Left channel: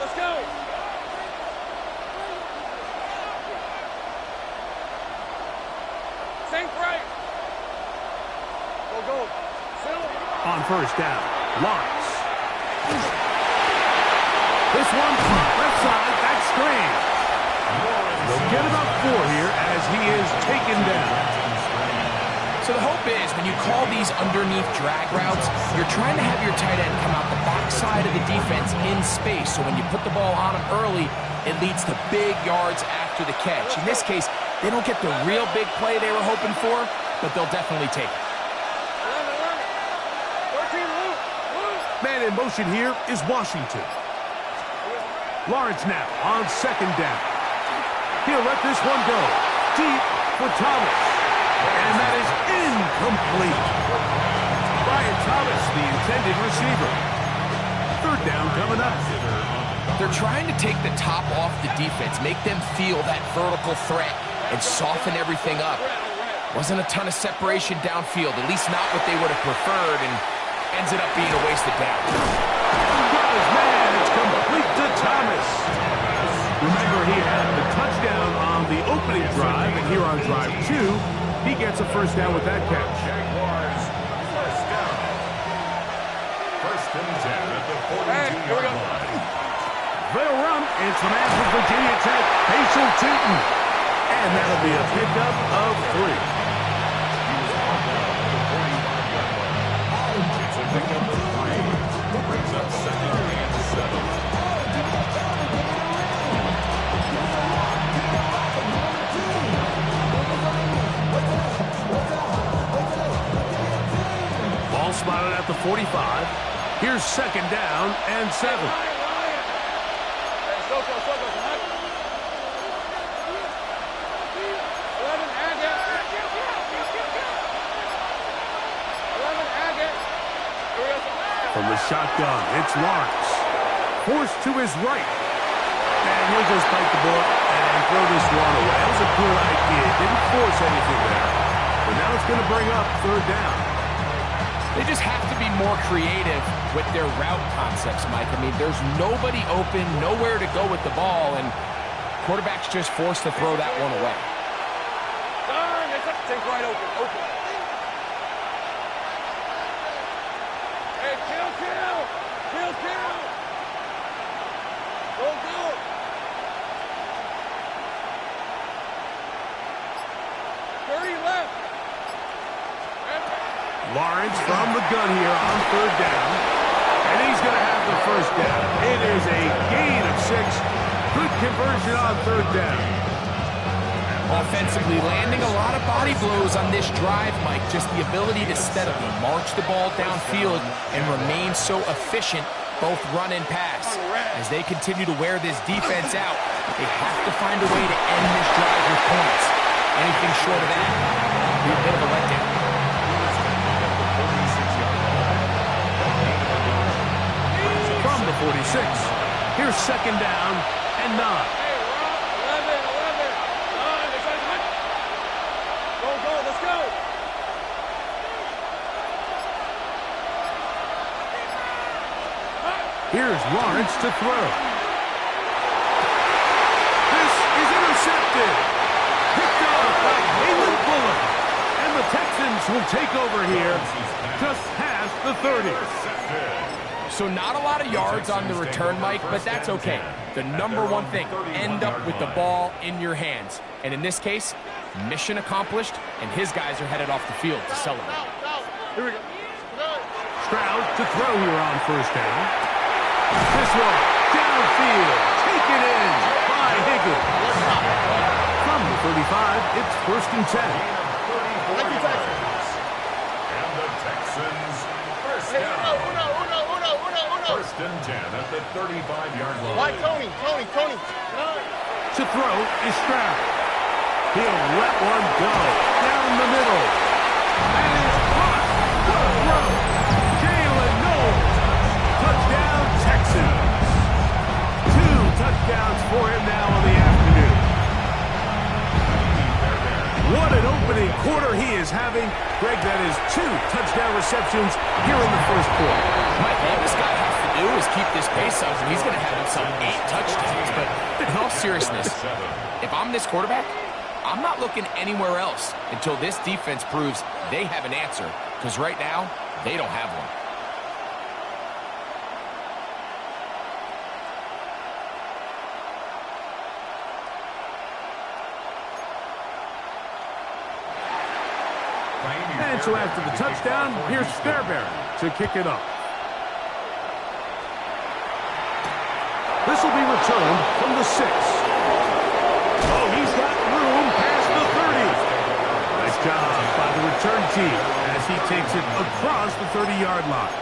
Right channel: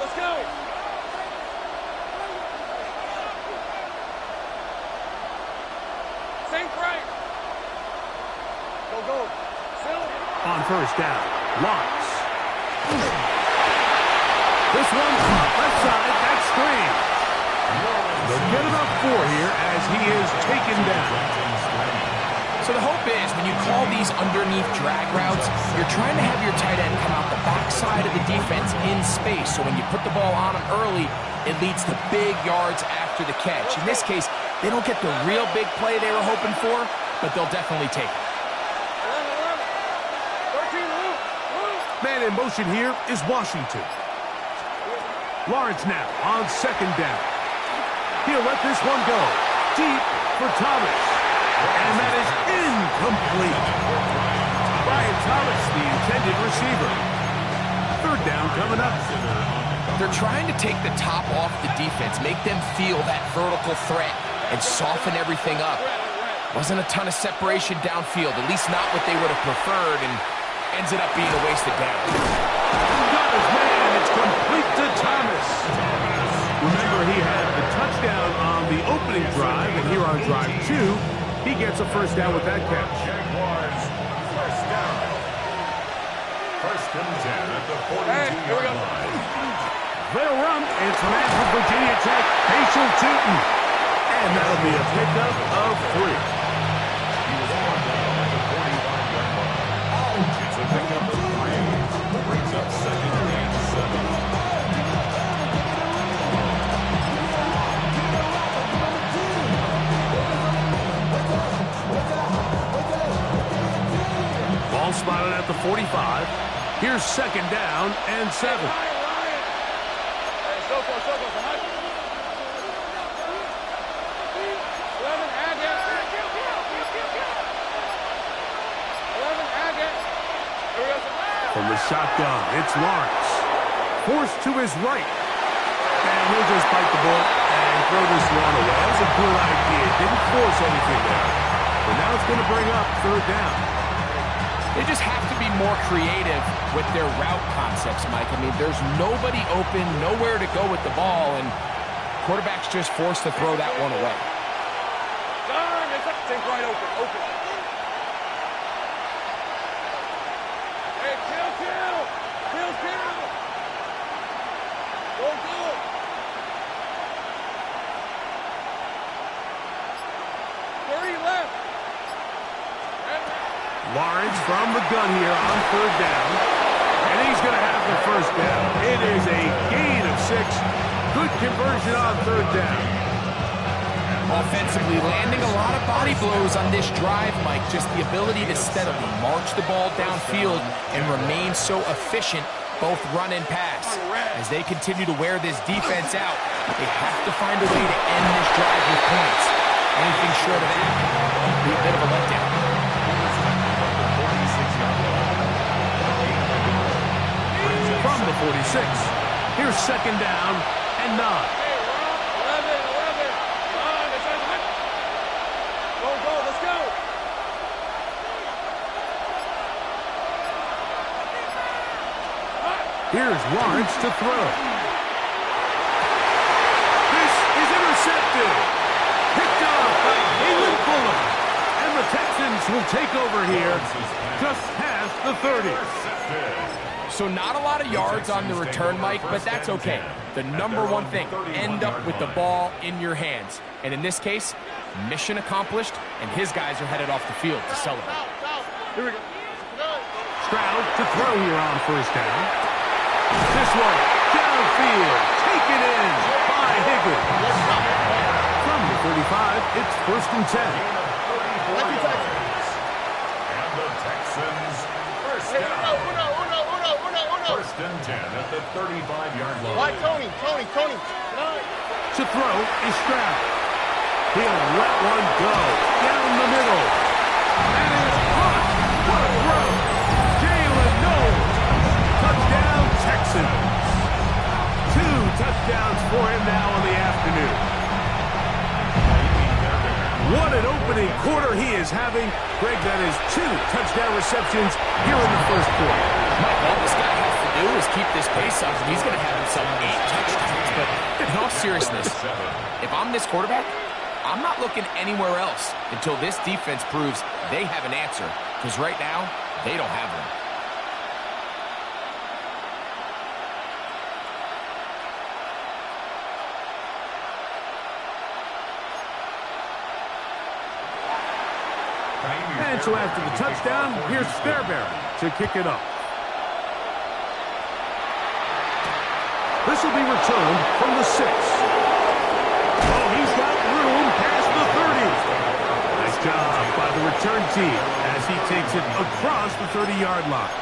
let's go. Sink right. Go. On first down, Lawrence. This one caught left side, that's screen. They'll get about 4 here as he is taken down. So the hope is when you call these underneath drag routes, you're trying to have your tight end come out the backside of the defense in space. So when you put the ball on him early, it leads to big yards after the catch. In this case, they don't get the real big play they were hoping for, but they'll definitely take it. 13, Luke. Man in motion here is Washington. Lawrence now on second down. He'll let this one go. Deep for Thomas. And that is incomplete. Brian Thomas, the intended receiver. Third down coming up. They're trying to take the top off the defense, make them feel that vertical threat, and soften everything up. Wasn't a ton of separation downfield, at least not what they would have preferred, and ends it up being a wasted down. Got his man. It's complete to Thomas. Remember, he had the touchdown on the opening drive, and here on drive 2, he gets a first down with that catch. Jaguars, first down. First and 10 at the 42-yard line. They'll run. It's the man from Virginia Tech, Facial Tootin. And that'll be a pickup of 3. He was brought down at the 45-yard line. It's a pickup of 3. Brings up second and 7. Ball spotted at the 45. Here's second down and 7. From the shotgun, it's Lawrence. Forced to his right. And he'll just bite the bullet and throw this one away. That was a good idea. Didn't force anything there. But now it's going to bring up third down. They just have to be more creative with their route concepts, Mike. I mean, there's nobody open, nowhere to go with the ball, and quarterback's just forced to throw that one away. Think right open. Hey, kill. Go. Lawrence from the gun here on third down. And he's going to have the first down. It is a gain of 6. Good conversion on third down. Offensively, landing a lot of body blows on this drive, Mike. Just the ability to steadily march the ball downfield and remain so efficient, both run and pass. As they continue to wear this defense out, they have to find a way to end this drive with points. Anything short of that will be a bit of a letdown. From the 46, here's second down and 9. Hey, 11. Go, let's go. Here's Lawrence to throw. This is intercepted. Picked up by Halen Fuller. And the Texans will take over here just past the 30. So not a lot of yards on the return, Mike, but that's okay. The number one thing, end up with the ball in your hands. And in this case, mission accomplished, and his guys are headed off the field to celebrate. Here we go. Stroud to throw here on first down. This one, downfield, taken in by Higgins. From the 35, it's first and 10. And the Texans, first down. First and 10 at the 35-yard line. Why, Tony. To throw is Stroud. He'll let one go down the middle. That is caught. What a throw. Jalen Knowles. Touchdown, Texans. 2 touchdowns for him now on the afternoon. What an opening quarter he is having. Greg, that is 2 touchdown receptions here in the first quarter. Mike, all this guy has to do is keep this pace up, and he's going to have himself 8 touchdowns. But in all seriousness, if I'm this quarterback, I'm not looking anywhere else until this defense proves they have an answer, because right now, they don't have one. And so after the touchdown, here's Fairbairn to kick it up. This will be returned from the 6. Oh, he's got room past the 30. Nice job by the return team as he takes it across the 30-yard line.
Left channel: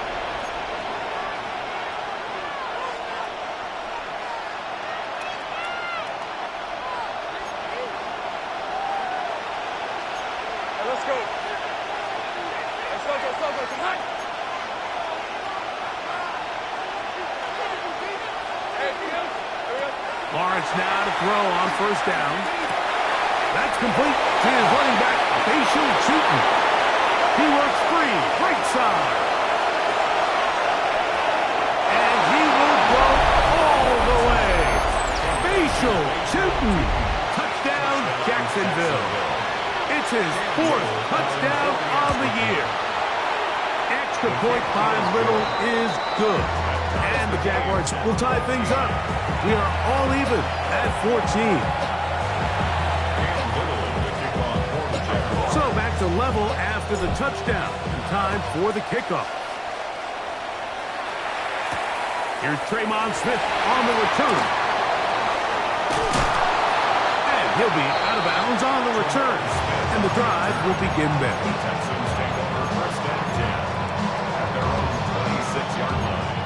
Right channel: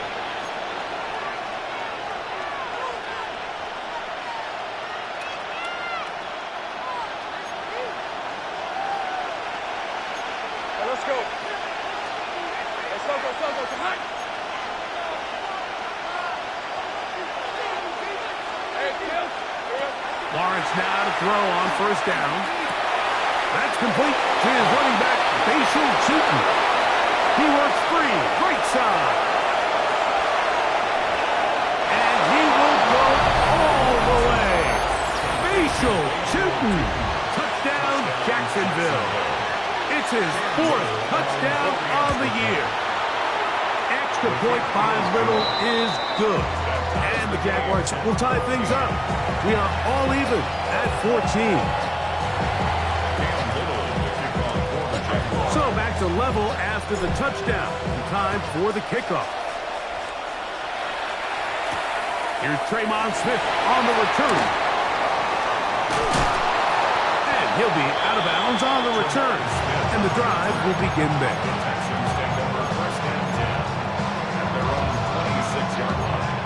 Hey, let's go. Hey, Soko, come on. Hey, Kim. Lawrence now to throw on first down. That's complete to his running back, Facial Tootin. He works free, right side. And he will go all the way. Facial Tootin. Touchdown, Jacksonville. It's his 4th touchdown on the year. Extra point by Little is good. And the Jaguars will tie things up. We are all even at 14. So back to level after the touchdown. And time for the kickoff. Here's Tremon Smith on the return. And he'll be out of bounds on the return. And the drive will begin there. The Texans take over first and 10 at their own 26-yard line.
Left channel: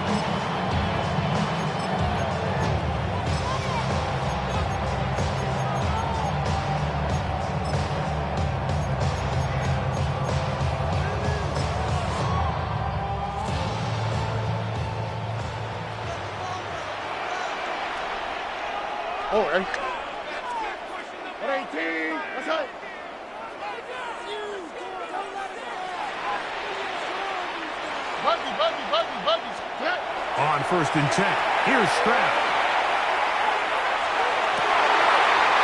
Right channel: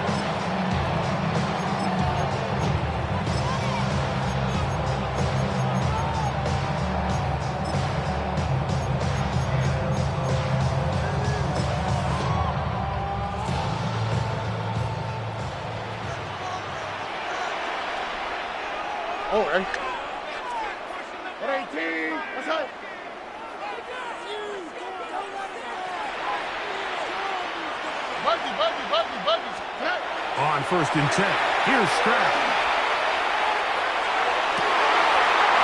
Oh, hey. 118. What's up? Buggy. On first and 10, here's Stroud.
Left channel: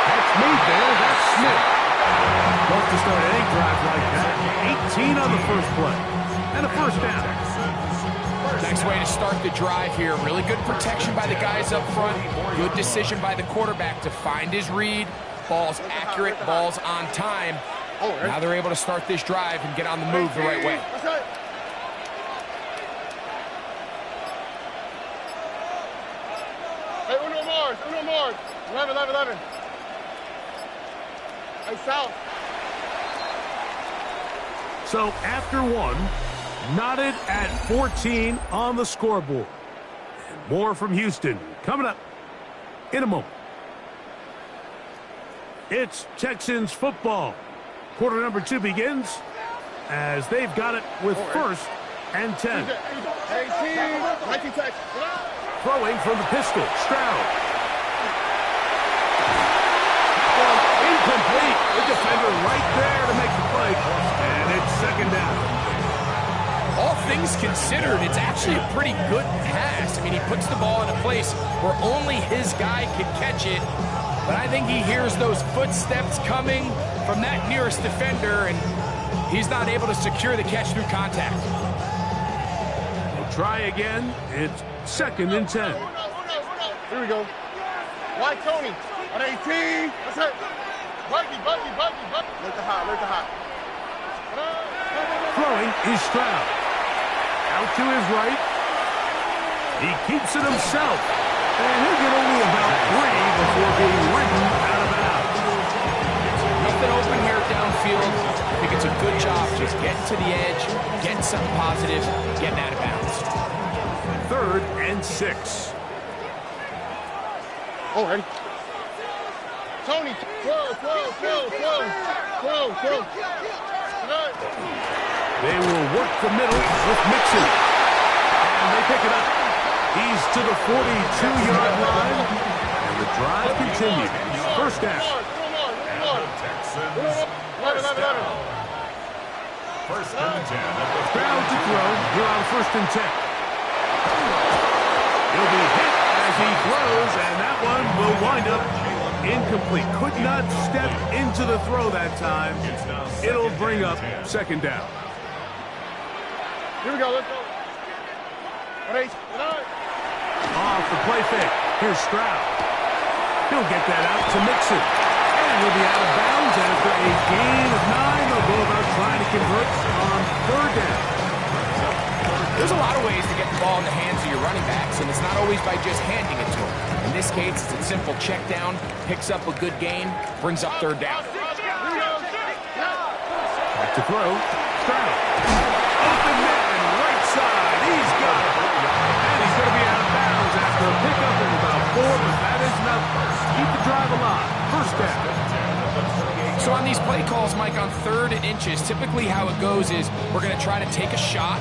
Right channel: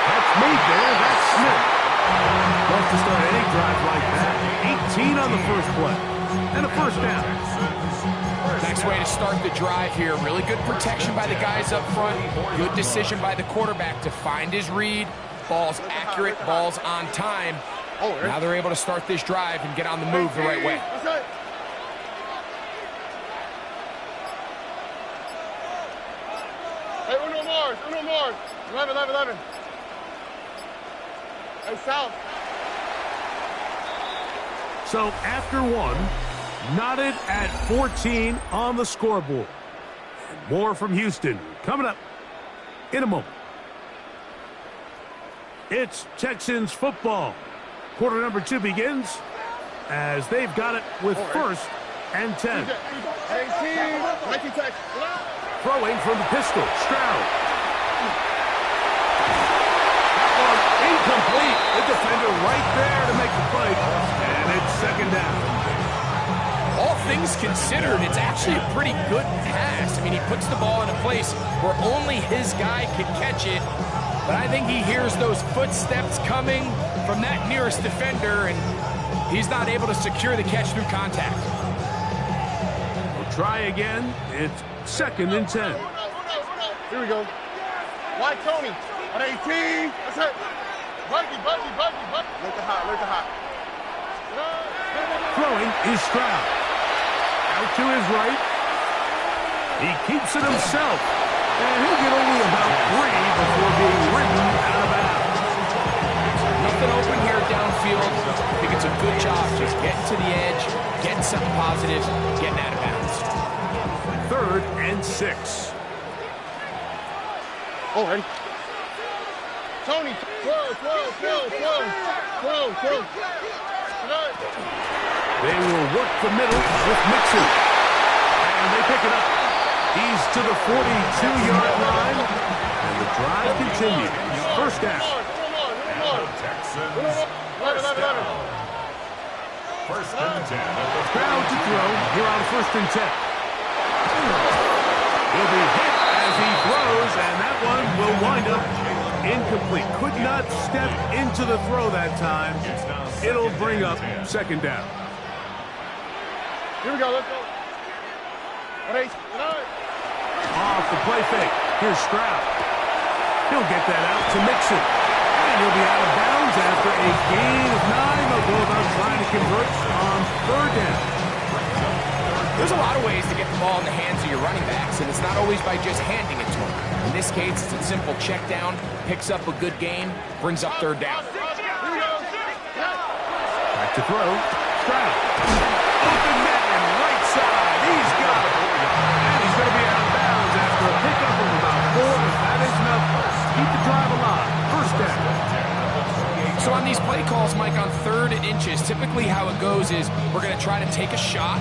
That's made there. That's Smith. Love to start any drive like that. 18 on the first play. And a first down. Nice way to start the drive here. Really good protection by the guys up front. Good decision by the quarterback to find his read. Ball's accurate, ball's on time. Now they're able to start this drive and get on the move the right way. Hey, Uno Mars. 11. Hey, South. So after one, knotted at 14 on the scoreboard. And more from Houston coming up in a moment. It's Texans football. Quarter number 2 begins as they've got it with first and 10. 19 touch. Throwing from the pistol, Stroud. That one incomplete. The defender right there to make the play. And it's second down. All things considered, it's actually a pretty good pass. I mean, he puts the ball in a place where only his guy can catch it. But I think he hears those footsteps coming from that nearest defender, and he's not able to secure the catch through contact. We'll try again. It's second and 10. Here we go. Why Tony? On 18. That's it. Buggy. Look the hot. Throwing is Stroud. Out to his right. He keeps it himself. And he'll get only about 3 before being ridden out of bounds. Nothing open here downfield. I think it's a good job just getting to the edge, getting something positive, getting out of bounds. Third and 6. Oh, ready? Tony, throw. They will work the middle with Mixon. And they pick it up. He's to the 42-yard line. And the drive continues. First down. And the Texans first down. First and 10 at the Stroud to throw here on first and 10. He'll be hit as he throws, and that one will wind up incomplete. Could not step into the throw that time. It'll bring up second down. Here we go, let's go. Off the play fake. Here's Stroud. He'll get that out to Mixon. And he'll be out of bounds after a gain of 9. They'll go about trying to convert on third down. There's a lot of ways to get the ball in the hands of your running backs, and it's not always by just handing it to them. In this case, it's a simple check down, picks up a good gain, brings up third down. Back to throw. Stroud. Open man, right side. He's got it. And he's going to be out of bounds after a pickup of about 4, but that is enough. Keep the drive alive. First down. So on these play calls, Mike, on 3rd and inches, typically how it goes is we're going to try to take a shot.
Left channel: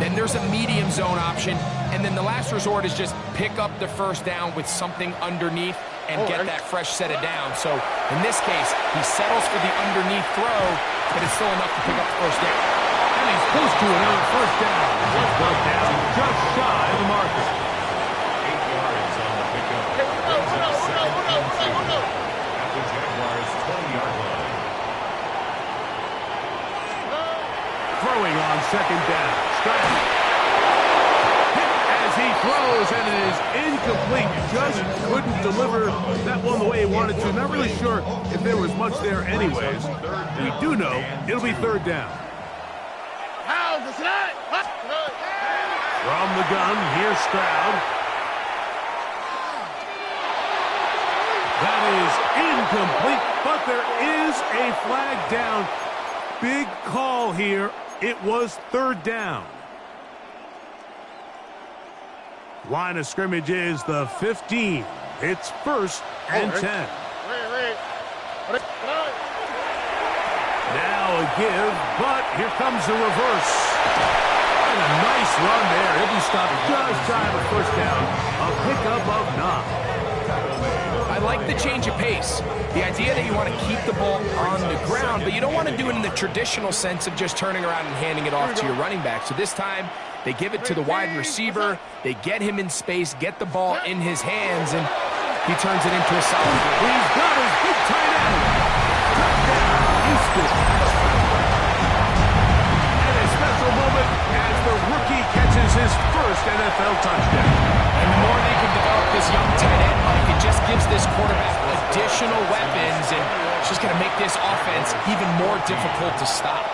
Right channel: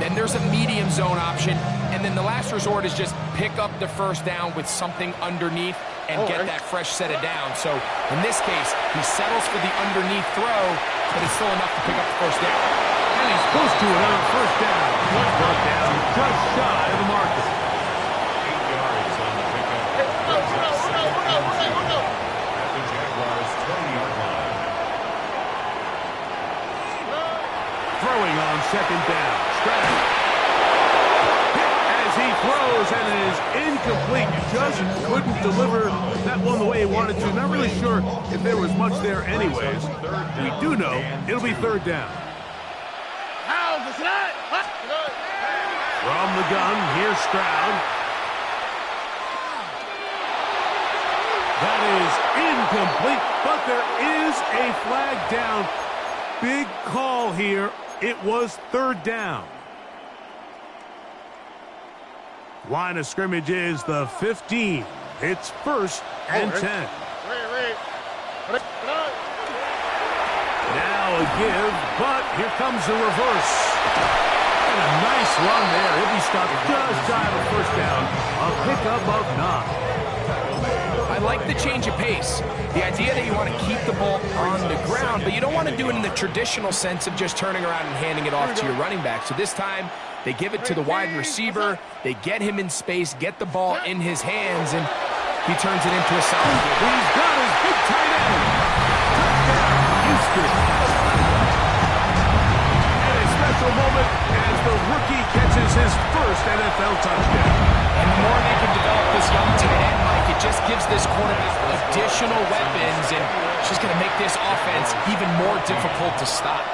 Then there's a medium zone option. And then the last resort is just pick up the first down with something underneath and get that fresh set of down. So in this case, he settles for the underneath throw, but it's still enough to pick up the first down. And he's close to another first down. Brought down just shy of the marker. 8 yards on the pickup. At the Jaguars' 20-yard line. Throwing on second down. Stroud. Hit as he throws, and it is incomplete. Just couldn't deliver that one the way he wanted to. Not really sure if there was much there anyways. We do know it'll be third down. From the gun, here's Stroud. That is incomplete, but there is a flag down. Big call here. It was third down. Line of scrimmage is the 15. It's 1st and 10. Now a give, but here comes the reverse. And a nice run there. He'll be stopped just shy of a first down. A pickup of 9. I like the change of pace. The idea that you want to keep the ball on the ground, but you don't want to do it in the traditional sense of just turning around and handing it off to your running back. So this time, they give it to the wide receiver. They get him in space, get the ball in his hands, and he turns it into a solid game. He's got his big tight end. Touchdown, Houston. And a special moment as the rookie catches his first NFL touchdown. And the more they can develop this young tight end, Mike, it just gives this quarterback additional weapons, and it's just going to make this offense even more difficult to stop.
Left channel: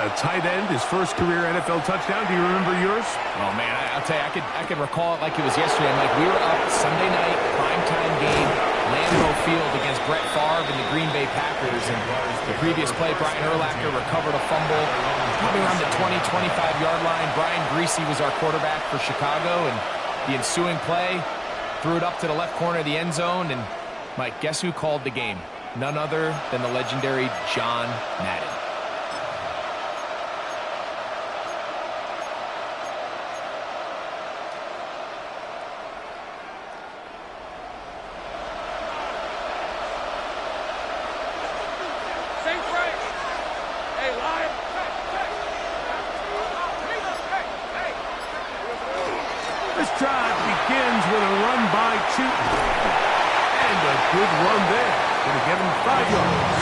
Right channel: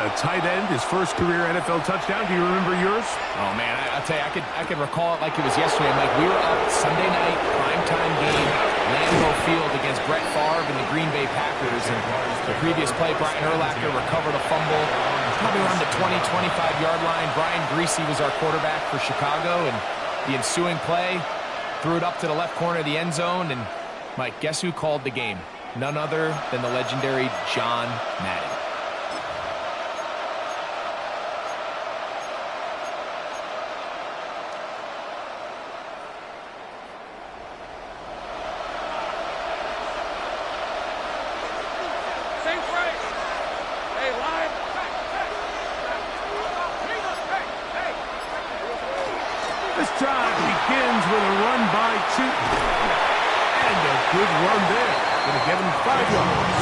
A tight end, his first career NFL touchdown. Do you remember yours? Oh, man, I'll tell you, I could recall it like it was yesterday. Mike, we were up Sunday night, primetime game, Lambeau Field against Brett Favre and the Green Bay Packers. And the previous play, Brian Urlacher recovered a fumble, probably around the 20, 25-yard line. Brian Greasy was our quarterback for Chicago, and the ensuing play, threw it up to the left corner of the end zone, and, Mike, guess who called the game? None other than the legendary John Madden. This drive begins with a run by Chuton. And a good run there. Going to give him 5 yards.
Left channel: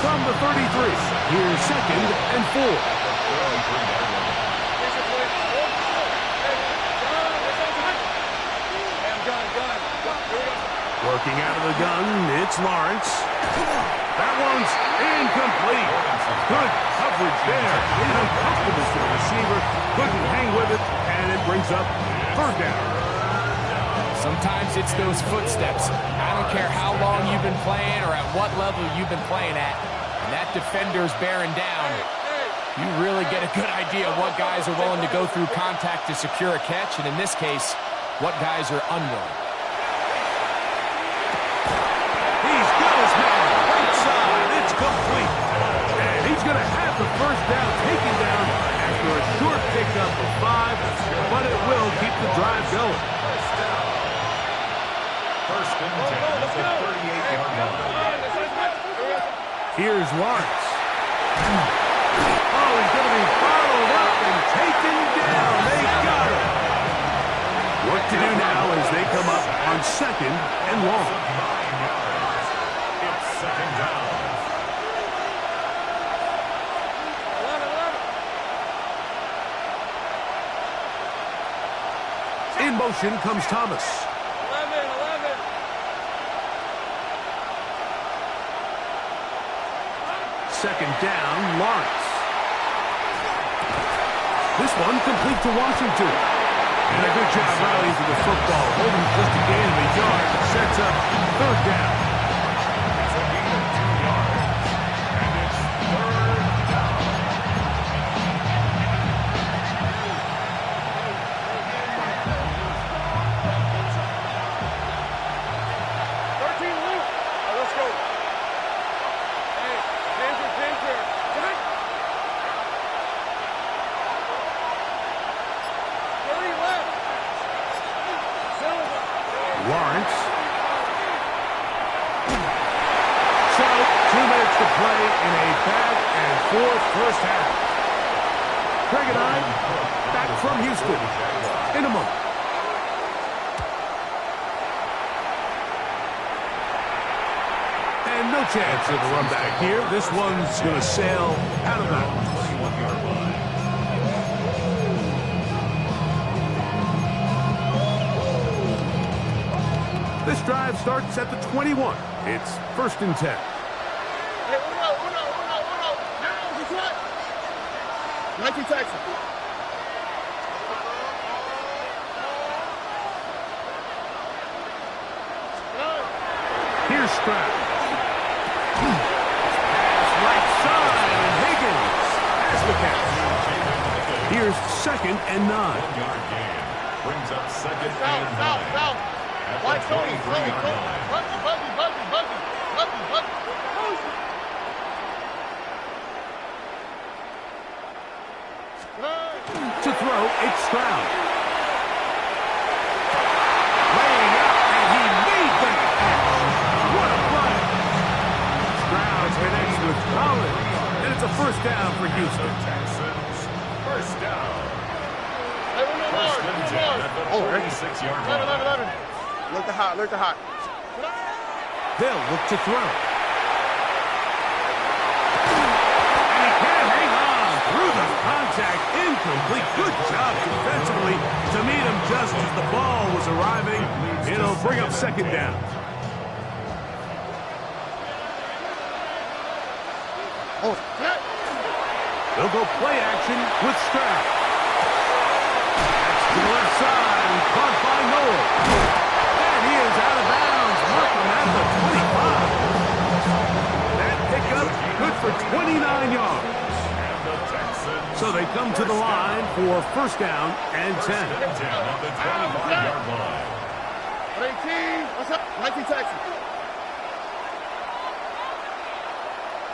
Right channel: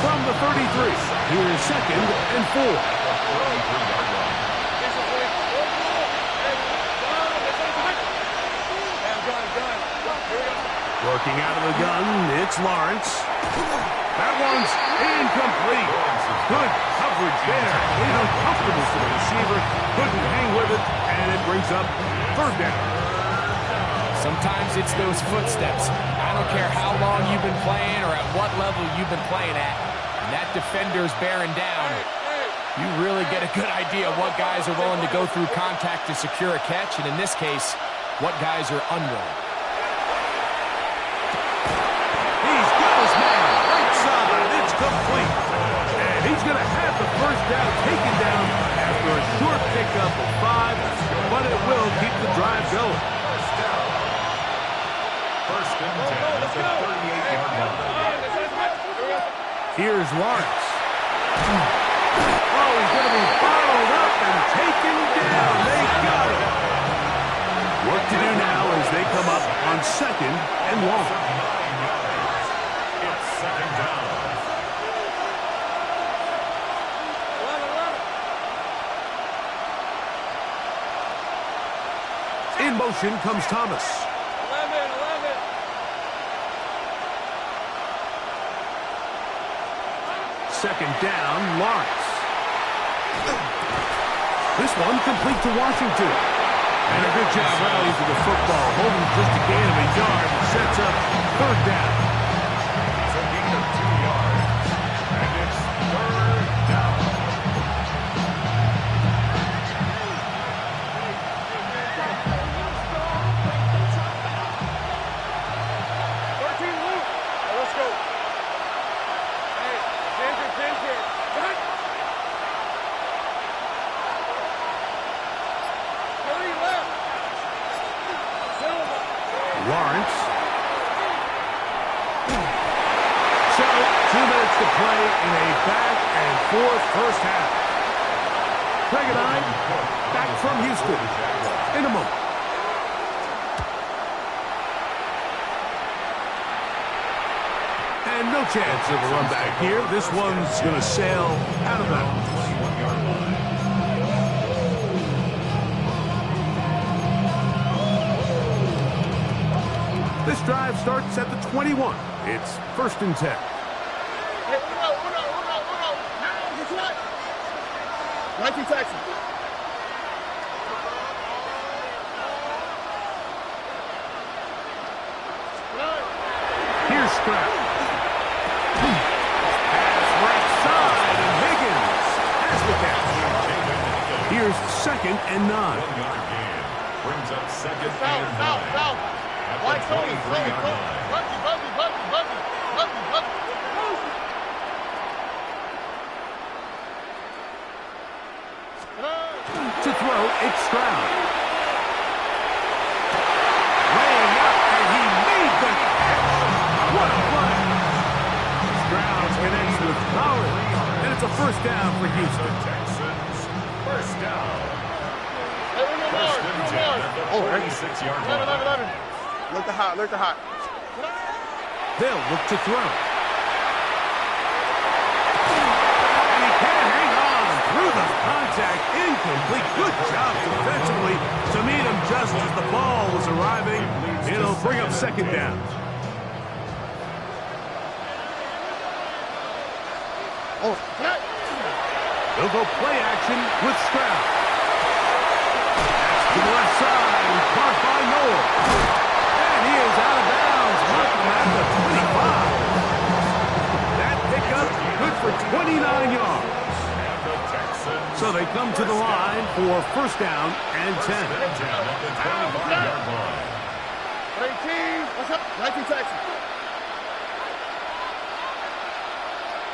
From the 33, here's 2nd and 4. Working out of the gun, it's Lawrence. That one's incomplete. Good coverage there. Made it uncomfortable for the receiver. Couldn't hang with it, and it brings up third down. Sometimes it's those footsteps. I don't care how long you've been playing or at what level you've been playing at. And that defender's bearing down. You really get a good idea of what guys are willing to go through contact to secure a catch, and in this case, what guys are unwilling. He's got his man. Right side. It's complete. And he's going to have the first down taken down after a short pickup of 5, but it will keep the drive going. First and 10 at the 38-yard line. Here's Lawrence. Oh, he's going to be bottled up and taken down. They got him. Work to do now as they come up on 2nd and long. 9 yards. It's 2nd down. 11. In motion comes Thomas. 11. 2nd down, Lawrence. This one complete to Washington. And a good job rallying to the football, holding just a gain of a yard and sets up 3rd down. It's a gain of 2 yards, and it's 3rd down. Let's go. Hey, Ginger. Hurry left. Silva. Lawrence. So, 2 minutes to play in a back-and-forth first half. Craig and I, back from Houston in a moment. And no chance of a run back here. This one's going to sail out of bounds. 21-yard line. This drive starts at the 21. It's 1st and 10. Hey, uno. Now, he's what? 19 Texas. Here's Stroud. Pass right side, and Higgins has the catch. Here's 2nd and 9. 1-yard gain brings up 2nd and 9. South. At White the Tony. 23-yard line. Buggy. To throw, it's Stroud. Laying out, and he made the catch. What a play. Stroud connects with Collins, and it's a 1st down for Houston. The Texans, 1st down. Hey, uno 1st and 10 at the 46-yard line. 11. Look the hot. They'll look to throw. And he can't hang on through the contact. Incomplete. Good job defensively to meet him just as the ball was arriving. It'll bring up 2nd down. They'll go play action with Stroud. That's to the left side and caught by Noel. And he is out of bounds. Markham at the 25. That pickup good for 29 yards. And the Texans. So they come to the line for 1st down and 10. 1st and 10 at the 25-yard line. 18. What's up? 19 Texas.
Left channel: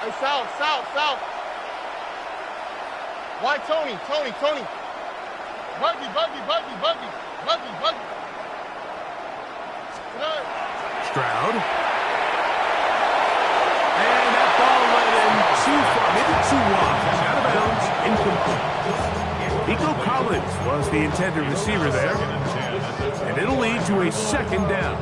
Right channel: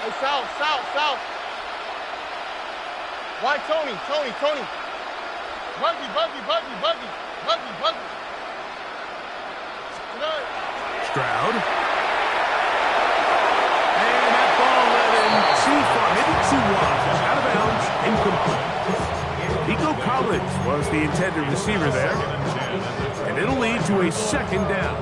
Hey, South. Why Tony? Buggy. Stroud. And that ball led him too far, maybe too wide. Out of bounds, incomplete. Nico Collins was the intended receiver there. And it'll lead to a 2nd down.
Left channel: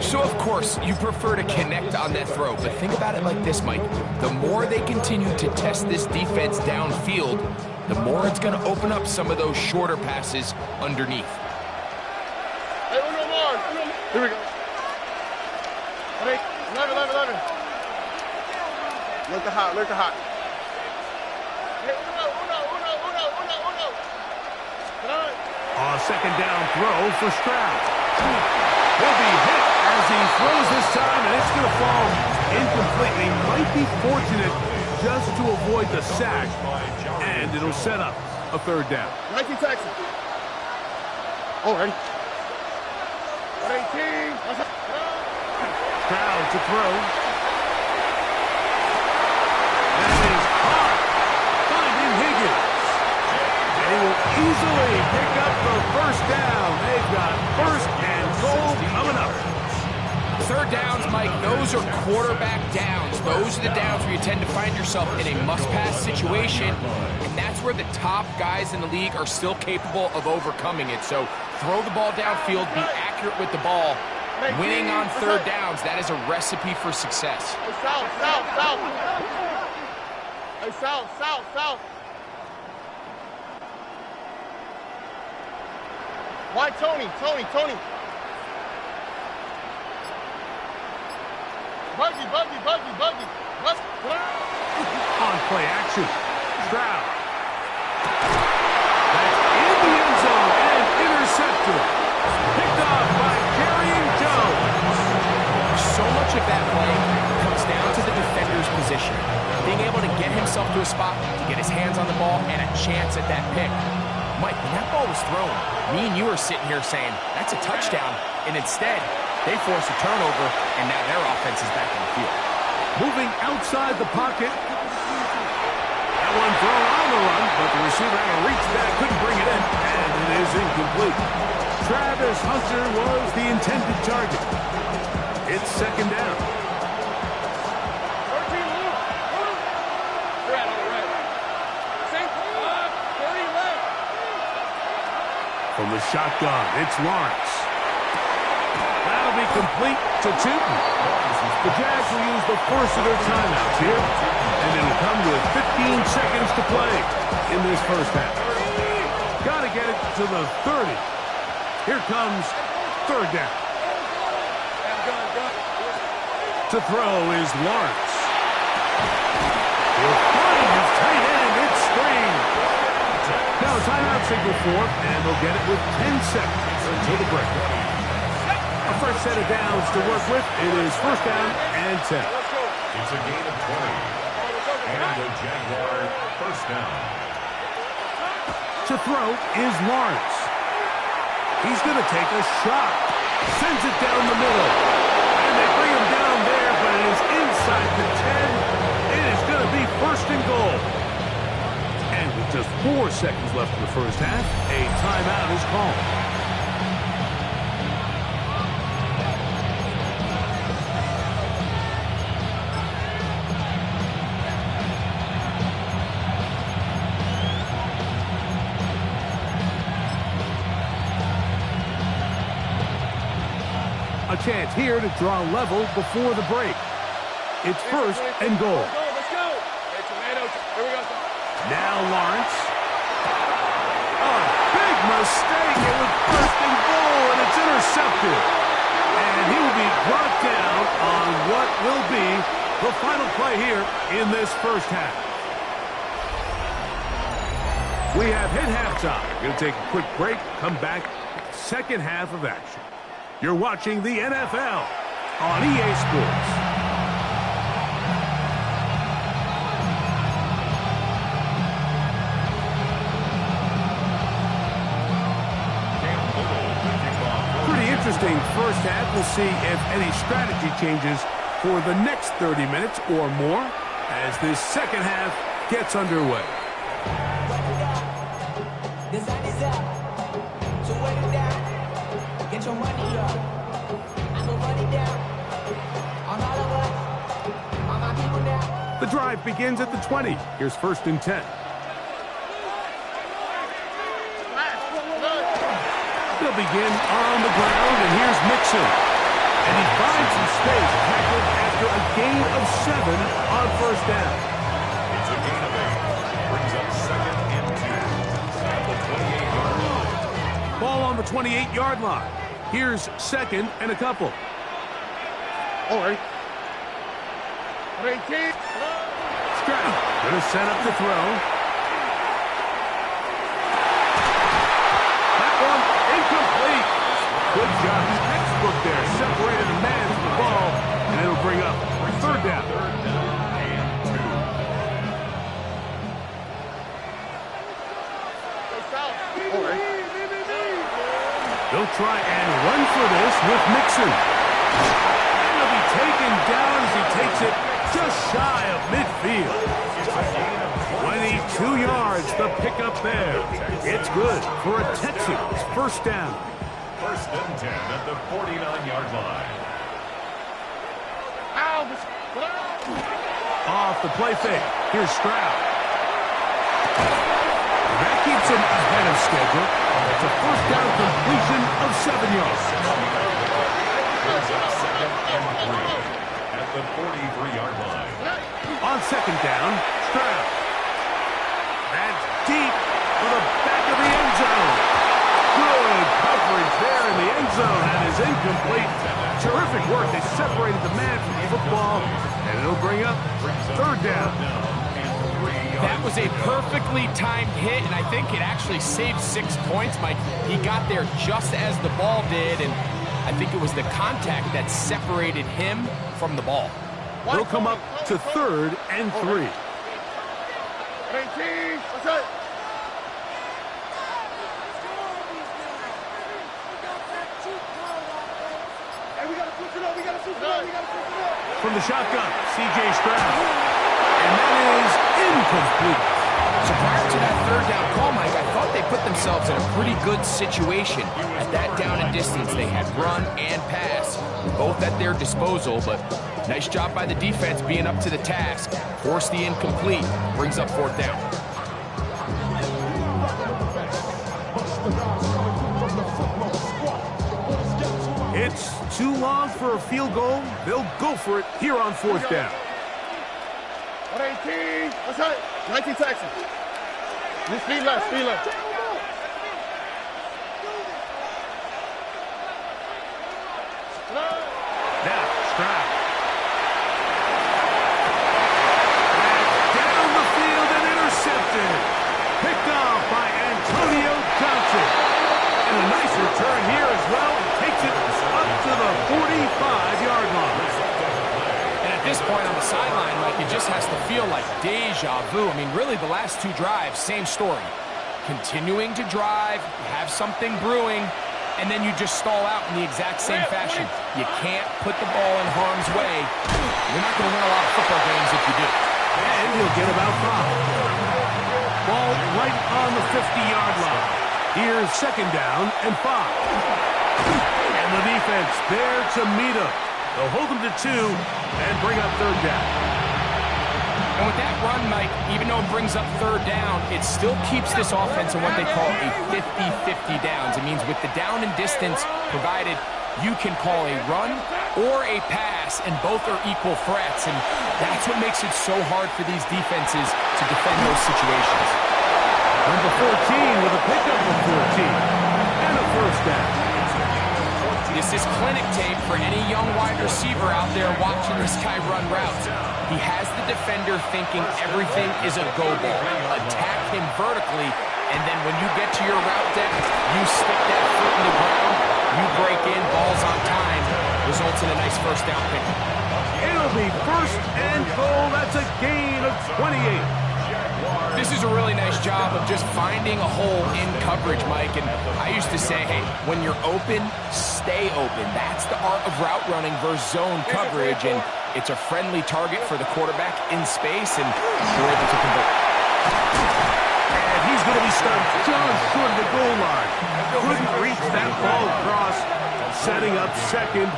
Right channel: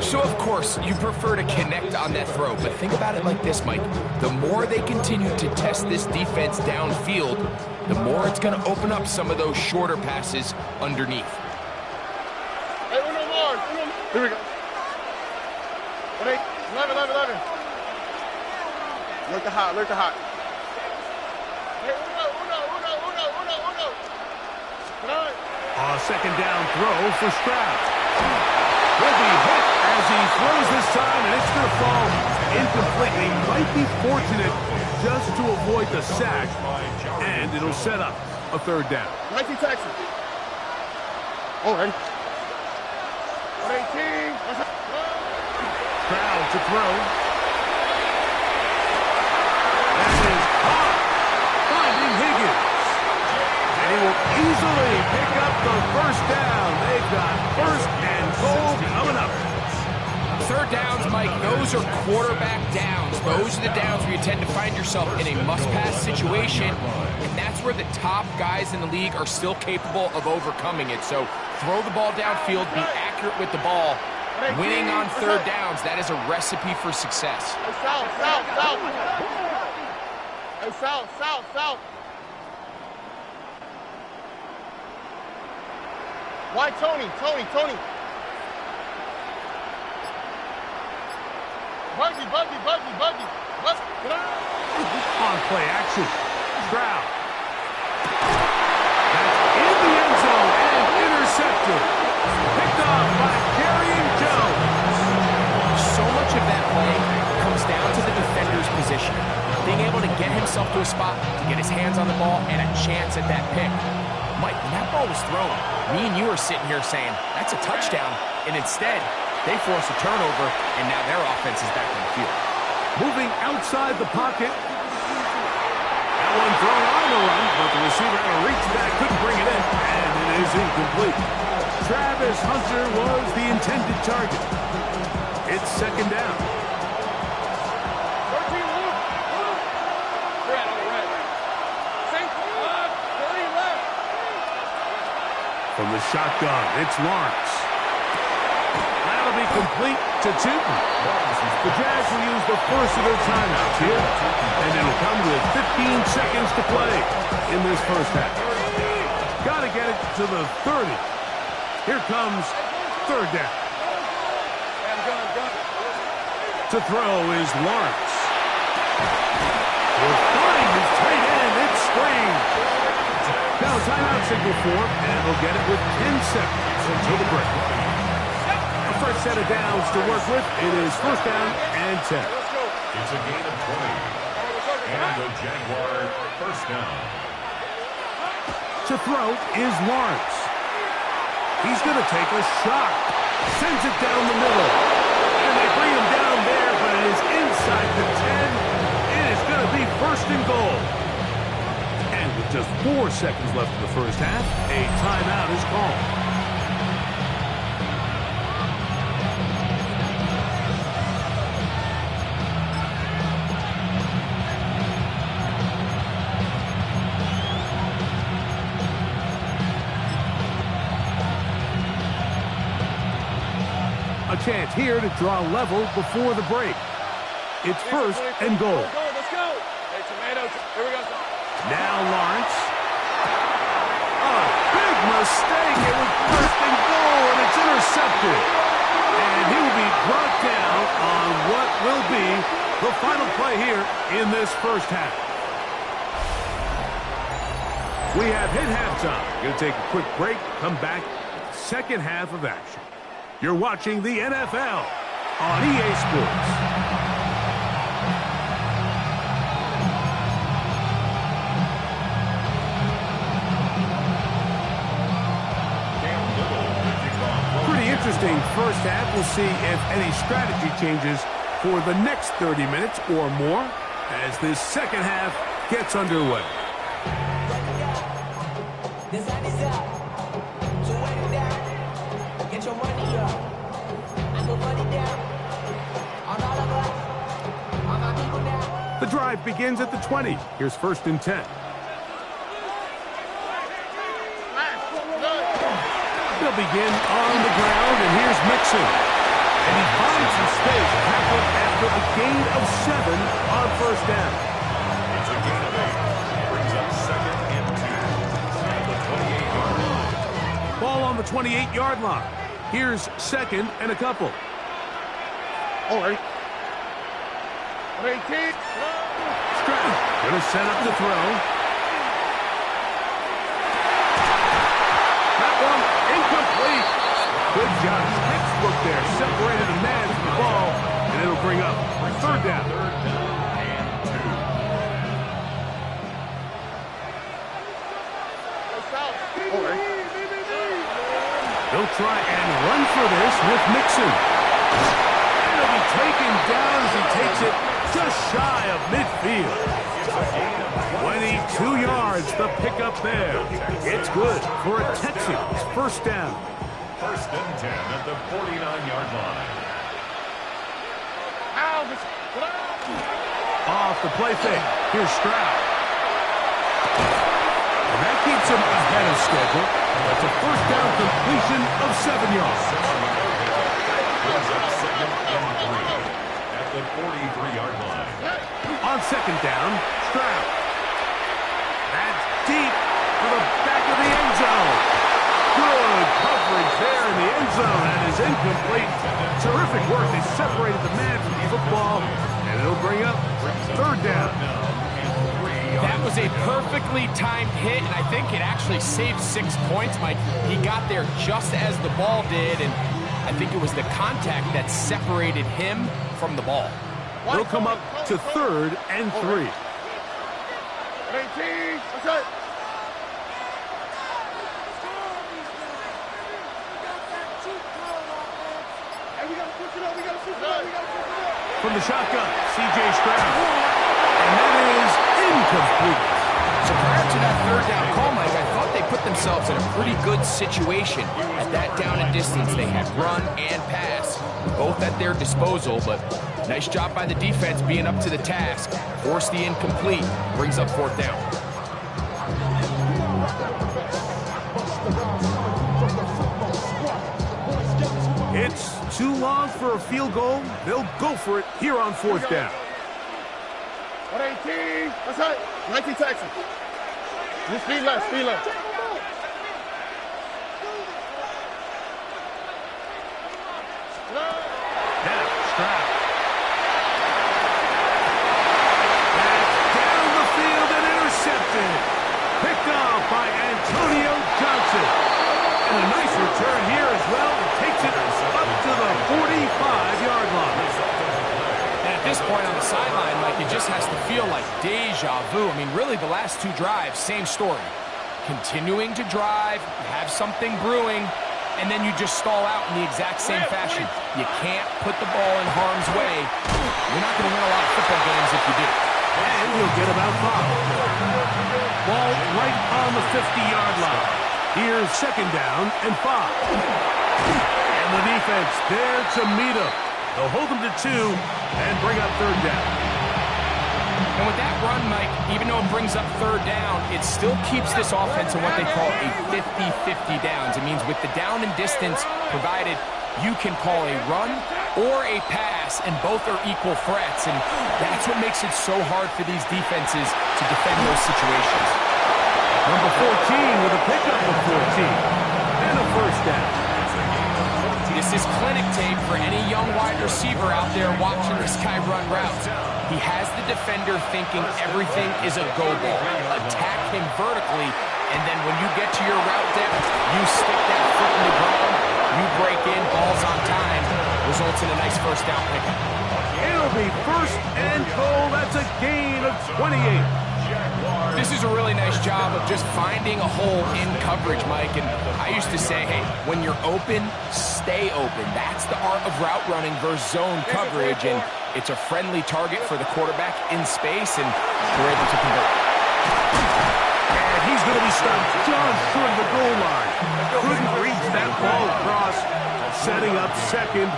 So, of course, you prefer to connect on that throw, but think about it like this, Mike. The more they continue to test this defense downfield, the more it's going to open up some of those shorter passes underneath. Hey, uno more. Here we go. 11. Look the hot. Hey, uno. A 2nd down throw for Stroud. He'll be hit as he throws this time, and it's going to fall incomplete. He might be fortunate just to avoid the sack, and it'll set up a 3rd down. 19 Texas. Ready? 18. Stroud to throw. That is caught. Finding Higgins. And he will easily pick up the 1st down. They've got 1st and goal coming up. third downs, Mike, those are quarterback downs. Those are the downs where you tend to find yourself in a must-pass situation, and that's where the top guys in the league are still capable of overcoming it. So throw the ball downfield, be accurate with the ball. Winning on third downs, that is a recipe for success. Hey, south, south, south. Hey, south, south, south. Why Tony? Tony. Buggy. On play action. Stroud. That's in the end zone and intercepted. Picked off by Carrying Jones. So much of that play comes down to the defender's position. Being able to get himself to a spot, to get his hands on the ball, and a chance at that pick. Mike, when that ball was thrown, me and you are sitting here saying, that's a touchdown. And instead, they force a turnover, and now their offense is back on the field. Moving outside the pocket. That one thrown on the run, but the receiver had to reach back, couldn't bring it in, and it is incomplete. Travis Hunter was the intended target. It's second down. 13 Luke. Red on the red. 30 left. From the shotgun, it's Lawrence. That'll be complete to Tootin. The Jags will use the first of their timeouts here, and it'll come with 15 seconds to play in this first half. Got to get it to the 30. Here comes third down. Gun. To throw is Lawrence. He'll find his tight end. It's Spring. Now a timeout signal for him, and they'll get it with 10 seconds until the break. A fresh set of downs to work with. It is first down and 10. It's a gain of 20. And the Jaguar first down. To throw is Lawrence. He's going to take a shot. Sends it down the middle. And they bring him down there, but it is inside the 10. It is going to be first and goal. And with just 4 seconds left in the first half, a timeout is called. A chance here to draw level before the break. It's first and goal. Let's go. Hey, tomato. Here we go. Now Lawrence. A big mistake. It was first and goal, and it's intercepted. And he will be brought down on what will be the final play here in this first half. We have hit halftime. Going to take a quick break, come back, second half of action. You're watching the NFL on EA Sports. Pretty interesting first half. We'll see if any strategy changes for the next 30 minutes or more as this second half gets underway. The sun is up, so wet it down. Get your money up. I go money down. On all of us, on my people now. The drive begins at the 20. Here's first and 10. They'll begin on the ground, and here's Mixon. And he finds some space, tackled after a gain of 7 on first down. It's a gain of 8. Brings up second and 2 at the 28-yard line. Ball on the 28-yard line. Here's second and a couple. All right. 18. Stroud going to set up the throw. That one incomplete. Good job. Textbook there. Separated a man from the ball, and it'll bring up third down. Third down and 2. All right. They'll try and run for this with Mixon. And he'll be taken down as he takes it just shy of midfield. It's a gain of 22 yards, the pickup there. It's good for a Texans first down. First and 10 at the 49-yard line. Off the play fake. Here's Stroud. And that keeps him ahead of schedule. That's a first down completion of 7 yards. Brings up 2nd and 3 at the 43-yard line. On 2nd down, Stroud. That's deep for the back of the end zone. Good coverage there in the end zone, and is incomplete. Terrific work. They separated the man from the football, and it'll bring up 3rd down. That was a perfectly timed hit, and I think it actually saved 6 points, Mike. He got there just as the ball did, and I think it was the contact that separated him from the ball. They'll come up to 3rd and 3. 18, what's that? Hey, we gotta switch it up, we gotta switch it up, we gotta switch it up. From the shotgun, C.J. Stroud. And that is incomplete. So prior to that 3rd down call, Mike, I thought they put themselves in a pretty good situation. At that down and distance, they had run and pass, both at their disposal, but nice job by the defense being up to the task. Forced the incomplete, brings up 4th down. It's too long for a field goal. They'll go for it here on 4th down. 118, what's that? 19 Texas. Just speed left, speed left. Now, Stroud. That's down the field and intercepted. Picked off by Antonio Johnson. And a nice return here as well. It takes it up to the 45-yard line. And at this point on the sideline, Mike, it just has to feel like deja vu. I mean, really, the last 2 drives, same story. Continuing to drive, you have something brewing, and then you just stall out in the exact same fashion. You can't put the ball in harm's way. You're not going to win a lot of football games if you do. And he'll get about 5. Ball right on the 50-yard line. Here's 2nd down and 5. And the defense there to meet him. They'll hold them to 2 and bring up 3rd down. And with that run, Mike, even though it brings up 3rd down, it still keeps this offense in what they call a 50-50 downs. It means with the down and distance provided, you can call a run or a pass, and both are equal threats. And that's what makes it so hard for these defenses to defend those situations. Number 14 with a pickup of 14 and a 1st down. This is clinic tape for any young wide receiver out there watching this guy run routes. He has the defender thinking everything is a go ball. Attack him vertically, and then when you get to your route depth, you stick that foot in the ground, you break in, balls on time, results in a nice 1st down pickup. It'll be 1st and goal. That's a gain of 28. This is a really nice job of just finding a hole in coverage, Mike. And I used to say, hey, when you're open, stay open. That's the art of route running versus zone coverage. And it's a friendly target for the quarterback in space, and they're able to convert. And he's going to be stopped just short of the goal line. Couldn't reach that ball across, setting up 2nd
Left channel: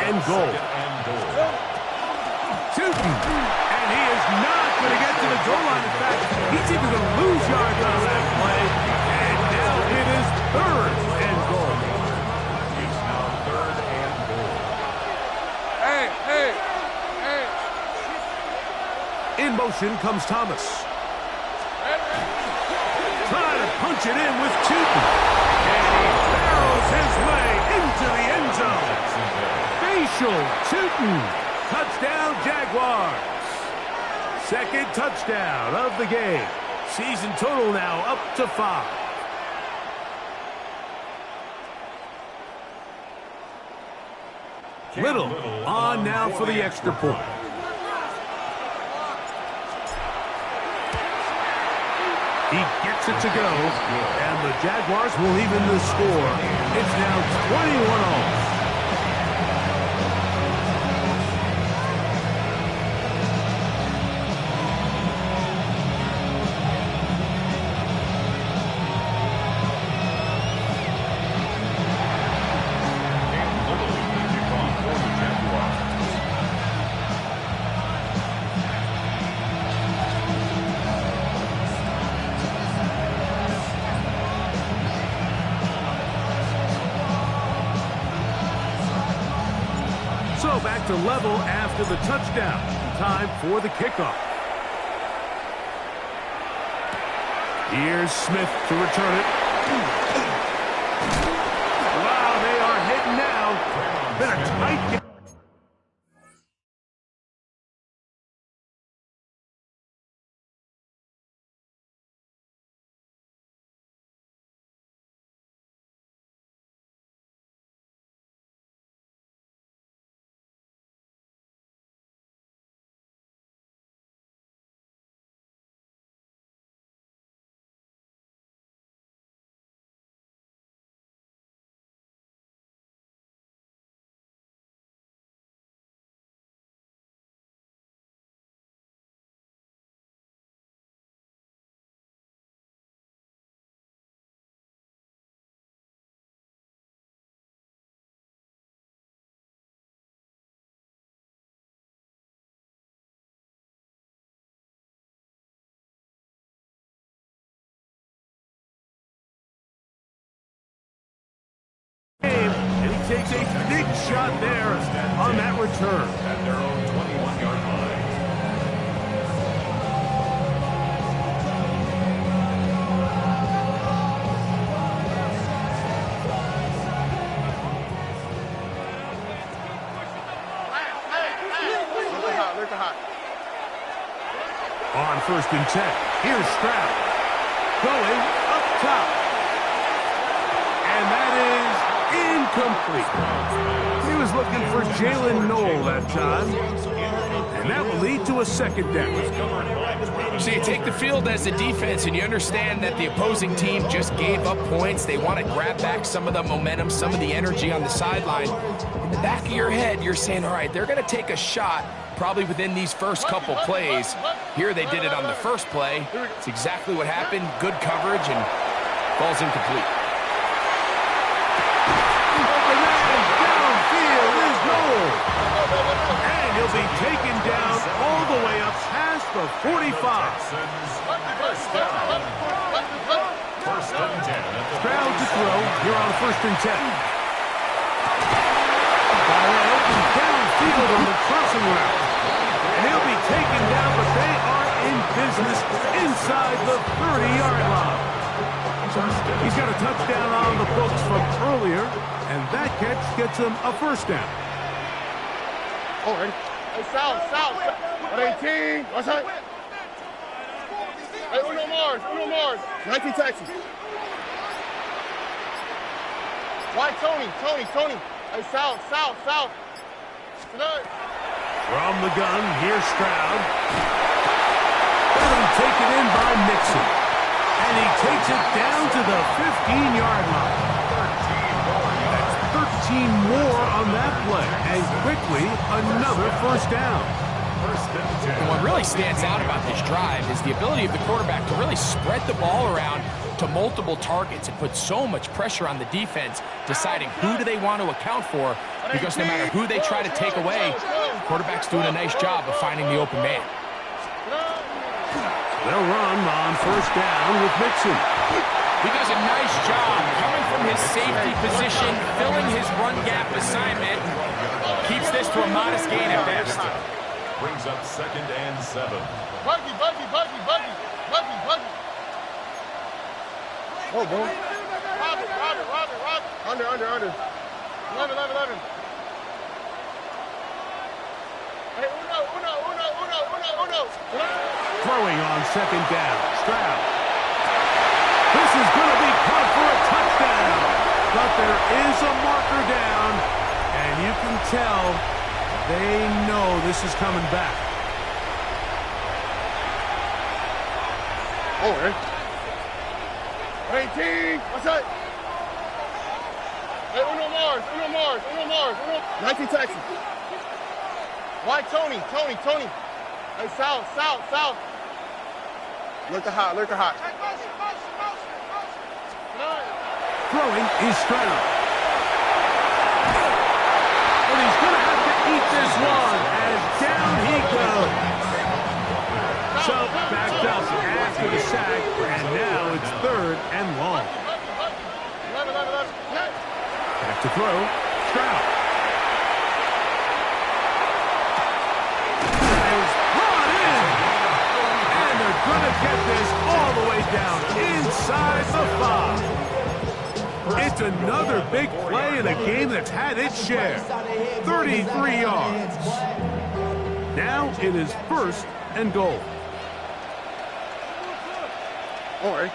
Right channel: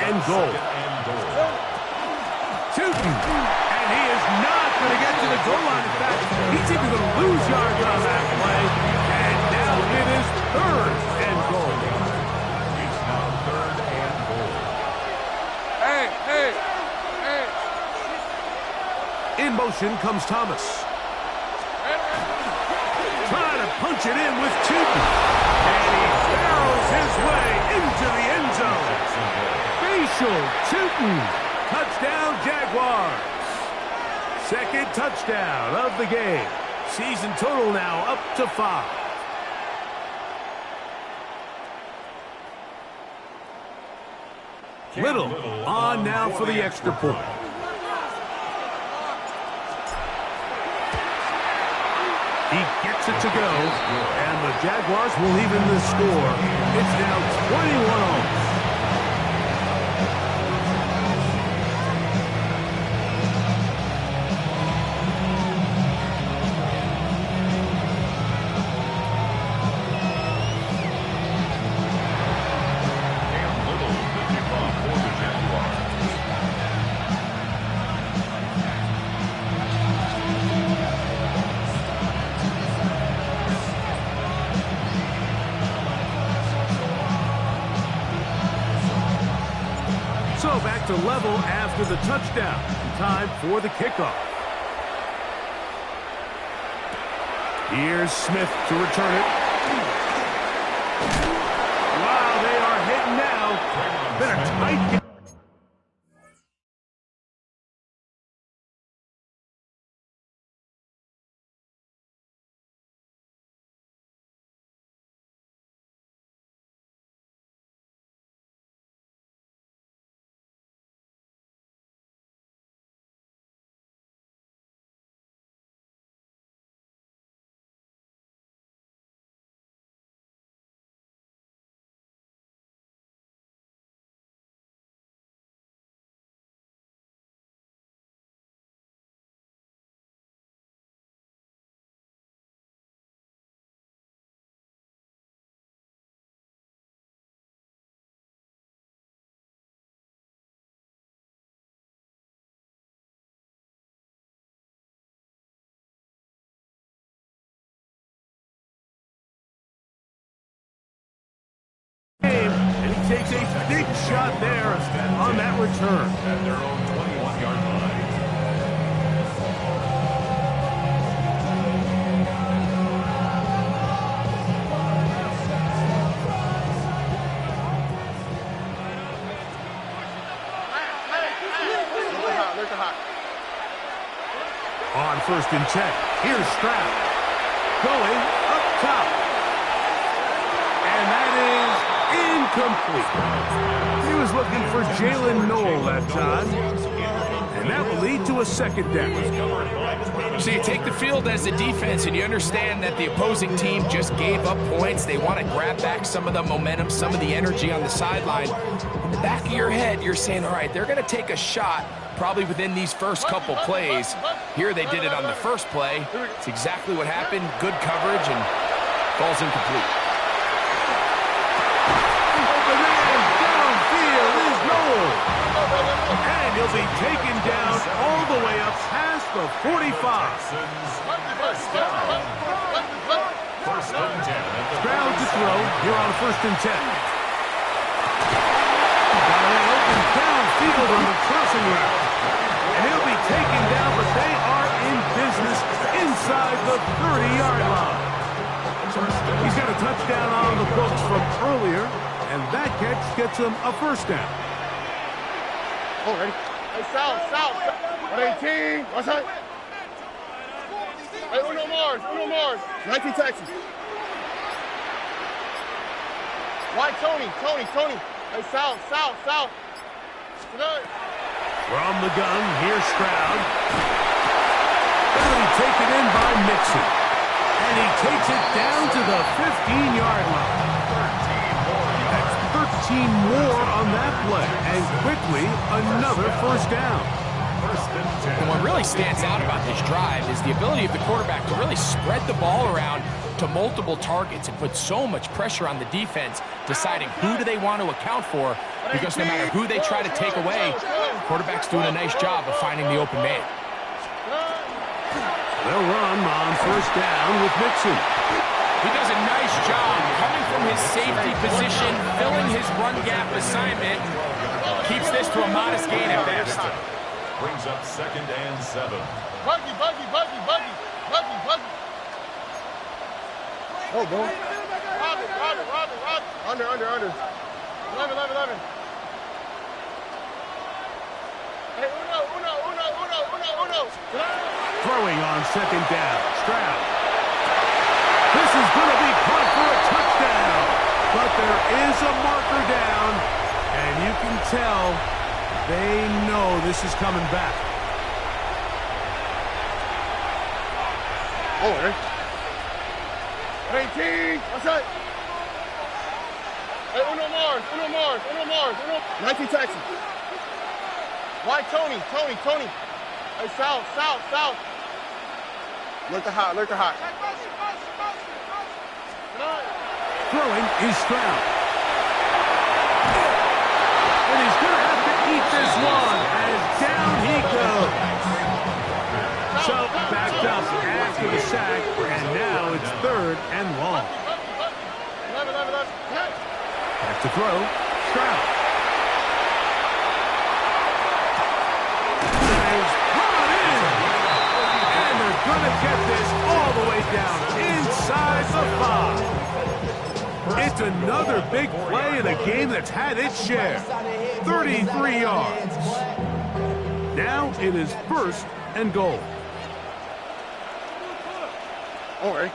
and goal. Tootin', and he is not going to get to the goal line. In fact, he's even going to lose yards on that play. And now it is 3rd and goal. It's now 3rd and goal. Hey. In motion comes Thomas. Trying to punch it in with Tootin'. And he barrels his way into the end zone. Facial Tootin'. Touchdown, Jaguars. 2nd touchdown of the game. Season total now up to 5. Little on now for the extra point. He gets it to go, and the Jaguars will even the score. It's now 21-all. So back to level after the touchdown. Time for the kickoff. Here's Smith to return it. Wow, they are hitting now. Been a tight game. And he takes a big shot there on that return. At their own 21-yard line. Look hot. On 1st and 10, here's Stroud. Going up top. And that is incomplete. He was looking for Jalen Noel that time. And that will lead to a 2nd down. So you take the field as a defense, and you understand that the opposing team just gave up points. They want to grab back some of the momentum, some of the energy on the sideline. In the back of your head, you're saying, all right, they're going to take a shot probably within these first couple plays. Here they did it on the first play. It's exactly what happened. Good coverage, and falls incomplete. The man downfield is Noel. And he'll be taken down all the way up past the 45. First and 10 at the Stroud to throw. Here on 1st and 10. Got a man open downfield on the crossing route. And he'll be taken down, but they are in business inside the 30-yard line. He's got a touchdown on the books from earlier, and that catch gets him a 1st down. Oh, ready? Hey, south. 18. Watch out. Hey, Uno Mars. 19 Texas. Why Tony? Hey, south. Tonight. From the gun, here's Stroud. That'll be taken in by Mixon. And he takes it down to the 15-yard line. 13 more on that play. And quickly, another 1st down. And what really stands out about this drive is the ability of the quarterback to really spread the ball around to multiple targets and put so much pressure on the defense, deciding who do they want to account for, because no matter who they try to take away, the quarterback's doing a nice job of finding the open man. They'll run on 1st down with Mixon. He does a nice job coming from his safety position, filling his run gap assignment, and keeps this to a modest gain at best. Brings up 2nd and 7. Buggy. Oh, boom. Rob. Under. 11. Hey, Uno. Throwing on 2nd down. Stroud. This is going to be caught for a touchdown. But there is a marker down, and you can tell they know this is coming back. Oh, right. 18. What's that? Hey, Uno Mars. 19 Texas. Why Tony? Hey, south. Look the hot. Throwing is Stroud. And he's going to have to eat this one as down he goes. So backed up after the sack, and now it's 3rd and long. 11. Back to throw, Stroud. going to get this all the way down inside the 5. It's another big play in a game that's had its share. 33 yards. Now it is 1st and goal. All right.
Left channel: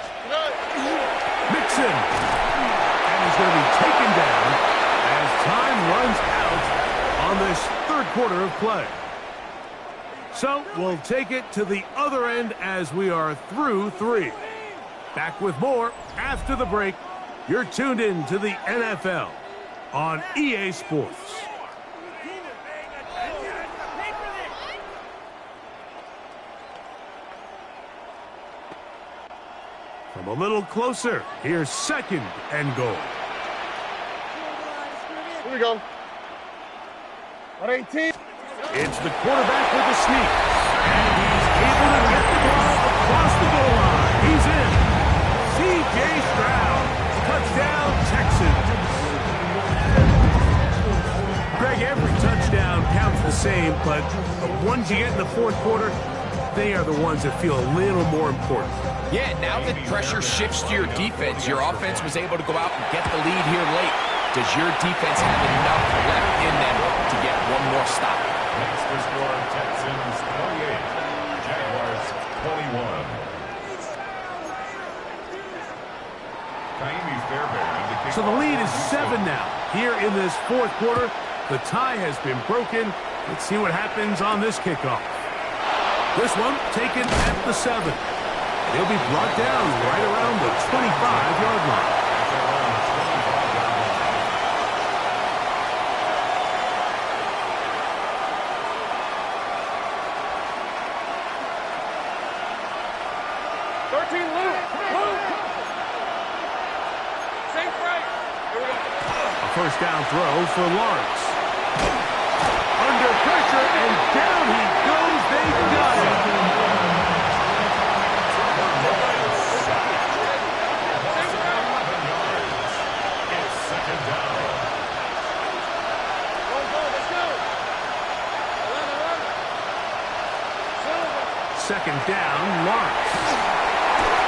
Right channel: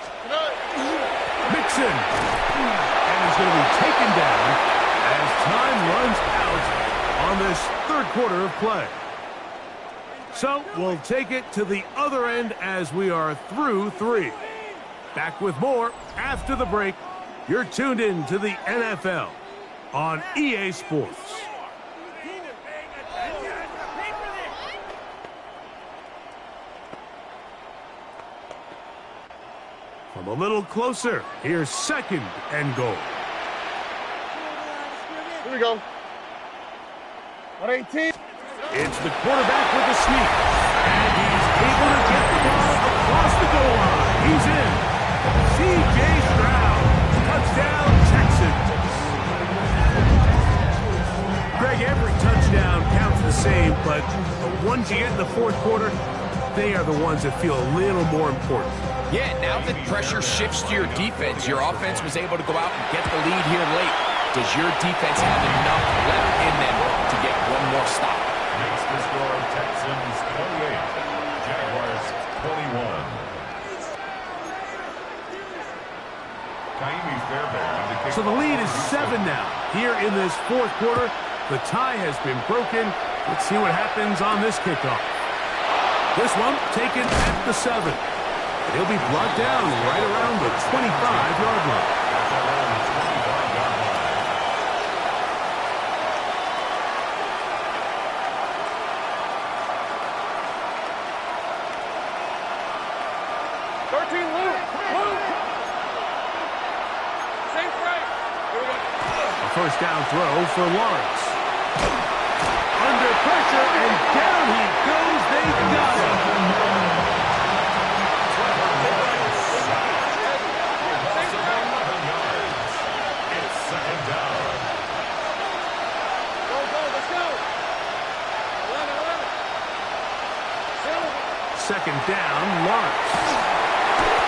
Mixon. And he's going to be taken down as time runs out on this 3rd quarter of play. So we'll take it to the other end as we are through 3. Back with more after the break. You're tuned in to the NFL on EA Sports. From a little closer, here's 2nd and goal. Here we go. On 18. It's the quarterback with the sneak. And he's able to get the ball across the goal line. He's in. C.J. Stroud. Touchdown, Texans. Greg, every touchdown counts the same, but the ones you get in the 4th quarter, they are the ones that feel a little more important. Yeah, now that pressure shifts to your defense, your offense was able to go out and get the lead here late. Does your defense have enough left in them to get one more stop? Makes the score Texans 28, Jaguars 21. So the lead is 7 now. Here in this 4th quarter, the tie has been broken. Let's see what happens on this kickoff. This one taken at the 7. And he'll be brought down right around the 25-yard line. At their own 25-yard line. 13, Luke. Safe right. Here we go. A 1st down throw for Lawrence. Under pressure, and down he goes. They got him. It's 2nd down. Go, let's go. 11. 2nd down, Lawrence.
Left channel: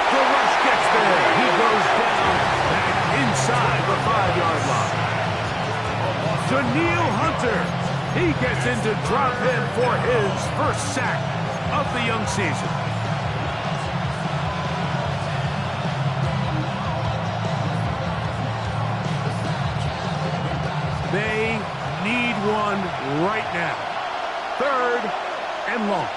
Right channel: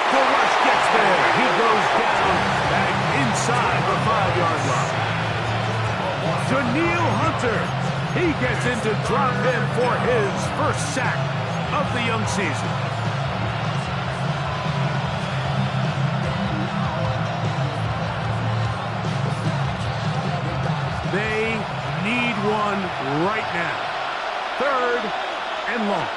The rush gets there. He goes down back inside the 5-yard line. Daniil Hunter. He gets in to drop him for his 1st sack of the young season. They need one right now. 3rd and long.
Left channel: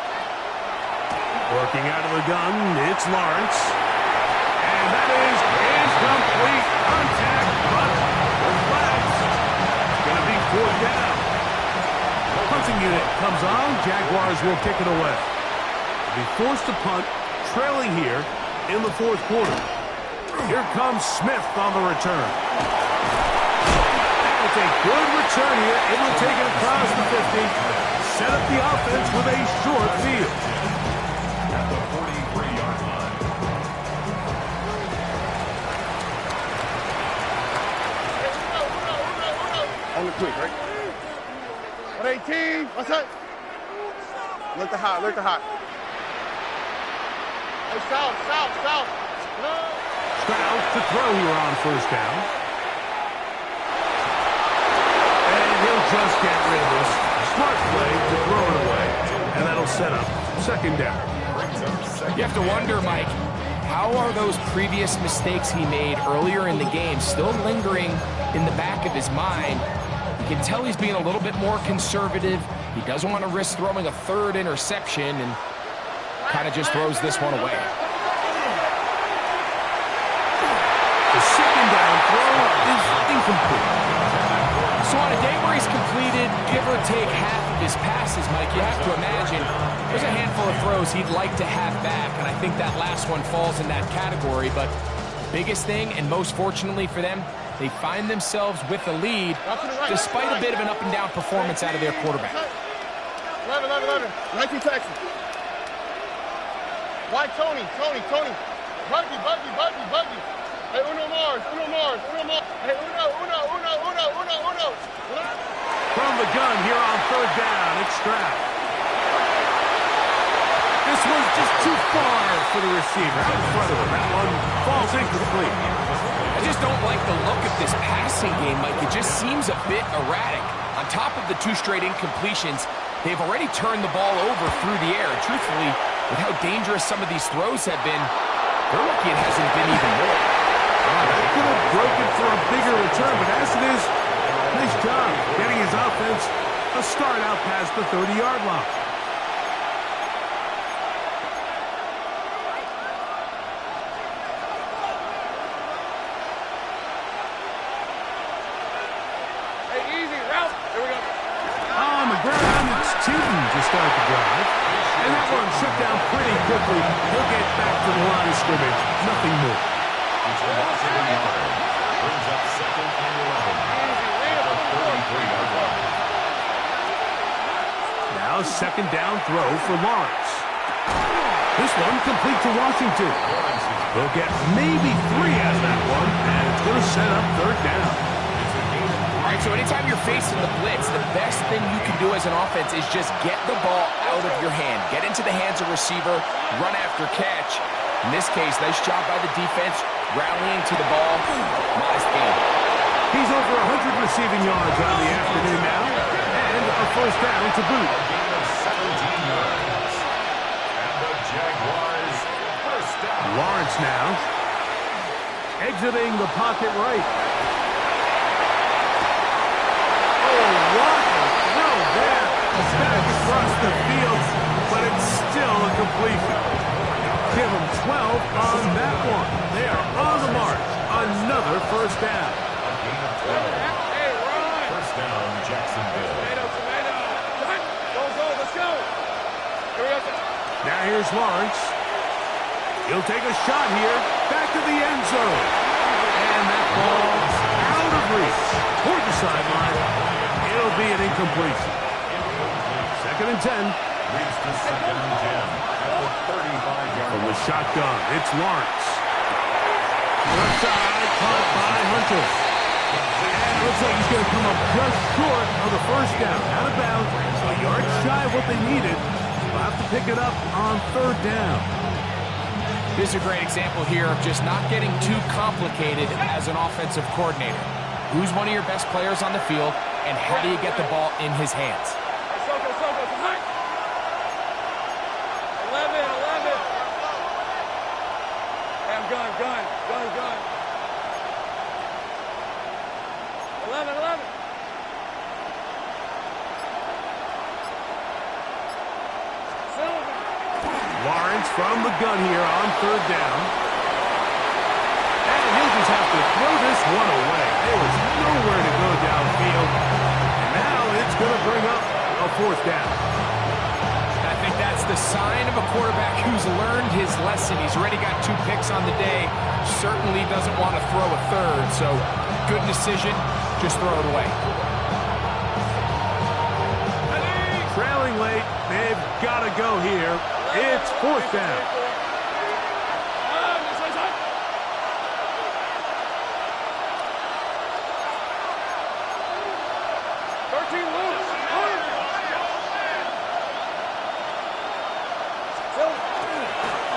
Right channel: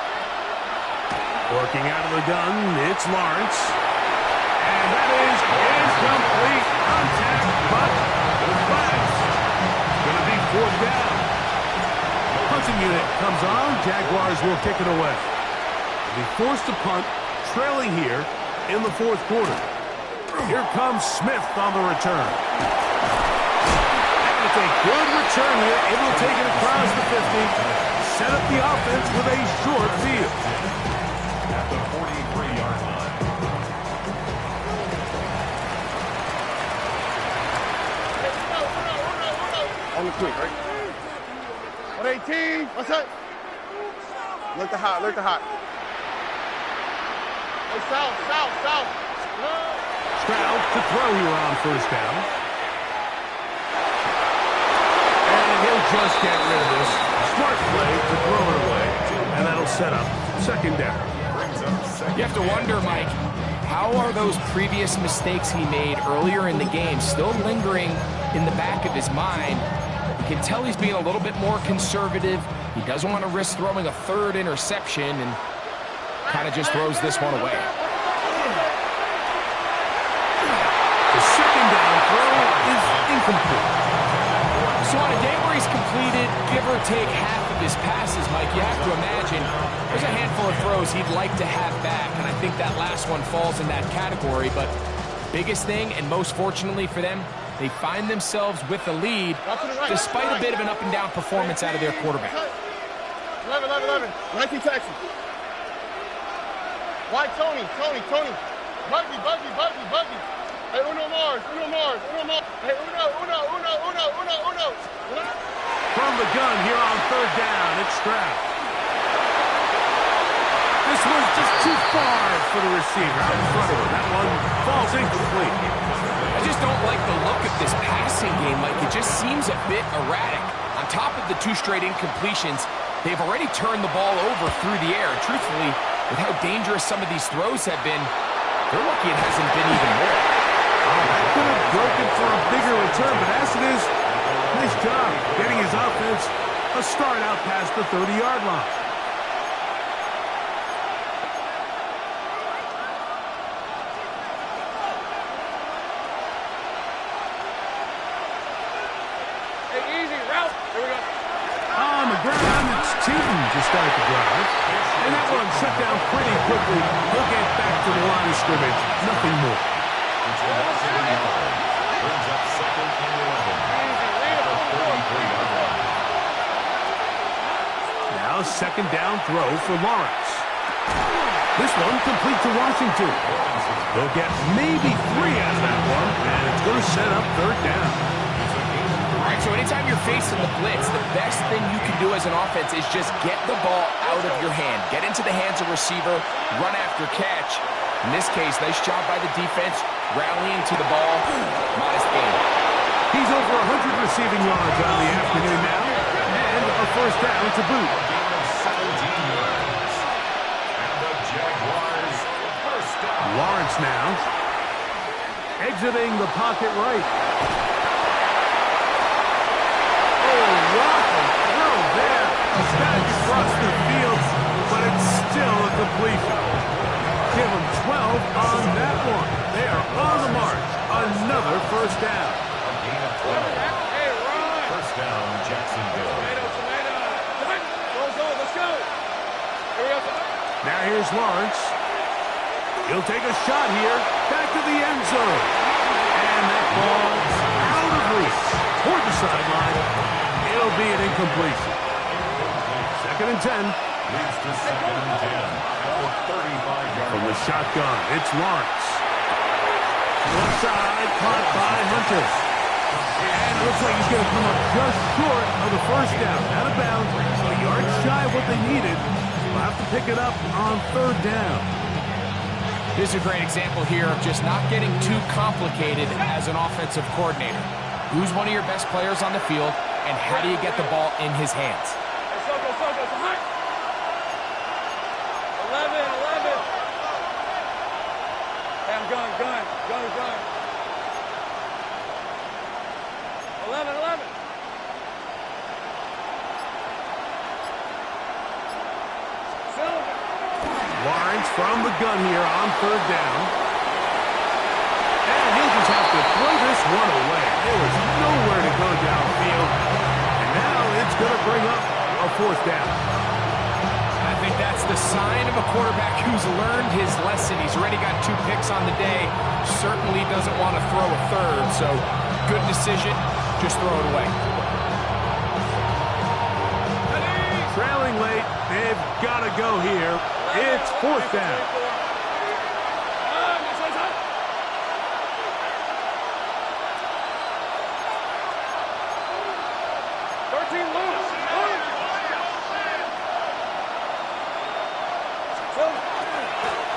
Working out of the gun, it's Lawrence. And that is incomplete contact, but the flag's going to be 4th down. Punting unit comes on. Jaguars will kick it away. They'll be forced to punt, trailing here in the 4th quarter. Here comes Smith on the return. And it's a good return here. Able to take it across the 50. Set up the offense with a short field. At the 43-yard line. On the quick, right? On 18. What's that? Look the hot. Hey, south. No. Stroud to throw here on 1st down. And he'll just get rid of this. Smart play to throw it away. And that'll set up 2nd down. You have to wonder, Mike, how are those previous mistakes he made earlier in the game still lingering in the back of his mind? You can tell he's being a little bit more conservative. He doesn't want to risk throwing a 3rd interception and kind of just throws this one away. The 2nd down throw is incomplete. So on a day where he's completed, give or take half of his passes, Mike, you have to imagine there's a handful of throws he'd like to have back, and I think that last one falls in that category. But biggest thing, and most fortunately for them, they find themselves with the lead despite a bit of an up-and-down performance out of their quarterback. 11. 19 Texans. Why Tony? Buggy. Hey, Uno Mars. Hey, Uno. From the gun here on 3rd down, it's Stroud. This This was just too far for the receiver. Out in front of him. That one falls incomplete. I just don't like the look of this passing game, Mike. It just seems a bit erratic. On top of the 2 straight incompletions, they've already turned the ball over through the air. Truthfully, with how dangerous some of these throws have been, they're lucky it hasn't been even more. Oh, that could have broken for a bigger return, but as it is, nice job getting his offense a start out past the 30-yard line. Hey, easy, route. Here we go. On the ground, it's Tootin to start the drive. And that one shut down pretty quickly. He'll get back to the line of scrimmage. Nothing more. It's a loss of 8 yards. Brings up 2nd and 11. At the 33-yard line. Now 2nd down throw for Lawrence. This one complete to Washington. They'll get maybe 3 out of that one, and it's going to set up 3rd down. It's a gain of 3. All right, so anytime you're facing the blitz, the best thing you can do as an offense is just get the ball out of your hand. Get into the hands of receiver, run after catch. In this case, nice job by the defense, rallying to the ball. Modest gain. He's over 100 receiving yards on the afternoon now, and a 1st down to boot. A gain of 17 yards. And the Jaguars, 1st down. Lawrence now, exiting the pocket right. Oh, rocket throw there, back across the field, but it's still a completion. Give them 12 on that one. They are on the march. Another 1st down. A gain of 12. Hey, run. 1st down, Jacksonville. Tomato, tomato. Done. Go, let's go. Here we go. Now here's Lawrence. He'll take a shot here. Back to the end zone. And that ball out of reach. Toward the sideline. It'll be an incompletion. 2nd and 10. Leads to 2nd and 10 at the 35-yard From the line. shotgun, it's Lawrence. Left side, caught by Hunter. And it looks like he's going to come up just short of the 1st down. Out of bounds, a yard shy of what they needed. We'll have to pick it up on 3rd down. This is a great example here of just not getting too complicated as an offensive coordinator. Who's one of your best players on the field, and how do you get the ball in his hands? Hey, Soko, high. 11. Hey, I'm gun. 11. Silver. Lawrence from the gun here on 3rd down. And he'll just have to throw this one away. There was nowhere to go downfield. And now it's going to bring up a 4th down. I think that's the sign of a quarterback who's learned his lesson. He's already got 2 picks on the day. Certainly doesn't want to throw a 3rd. So good decision. Just throw it away. Trailing late. They've got to go here. It's 4th down.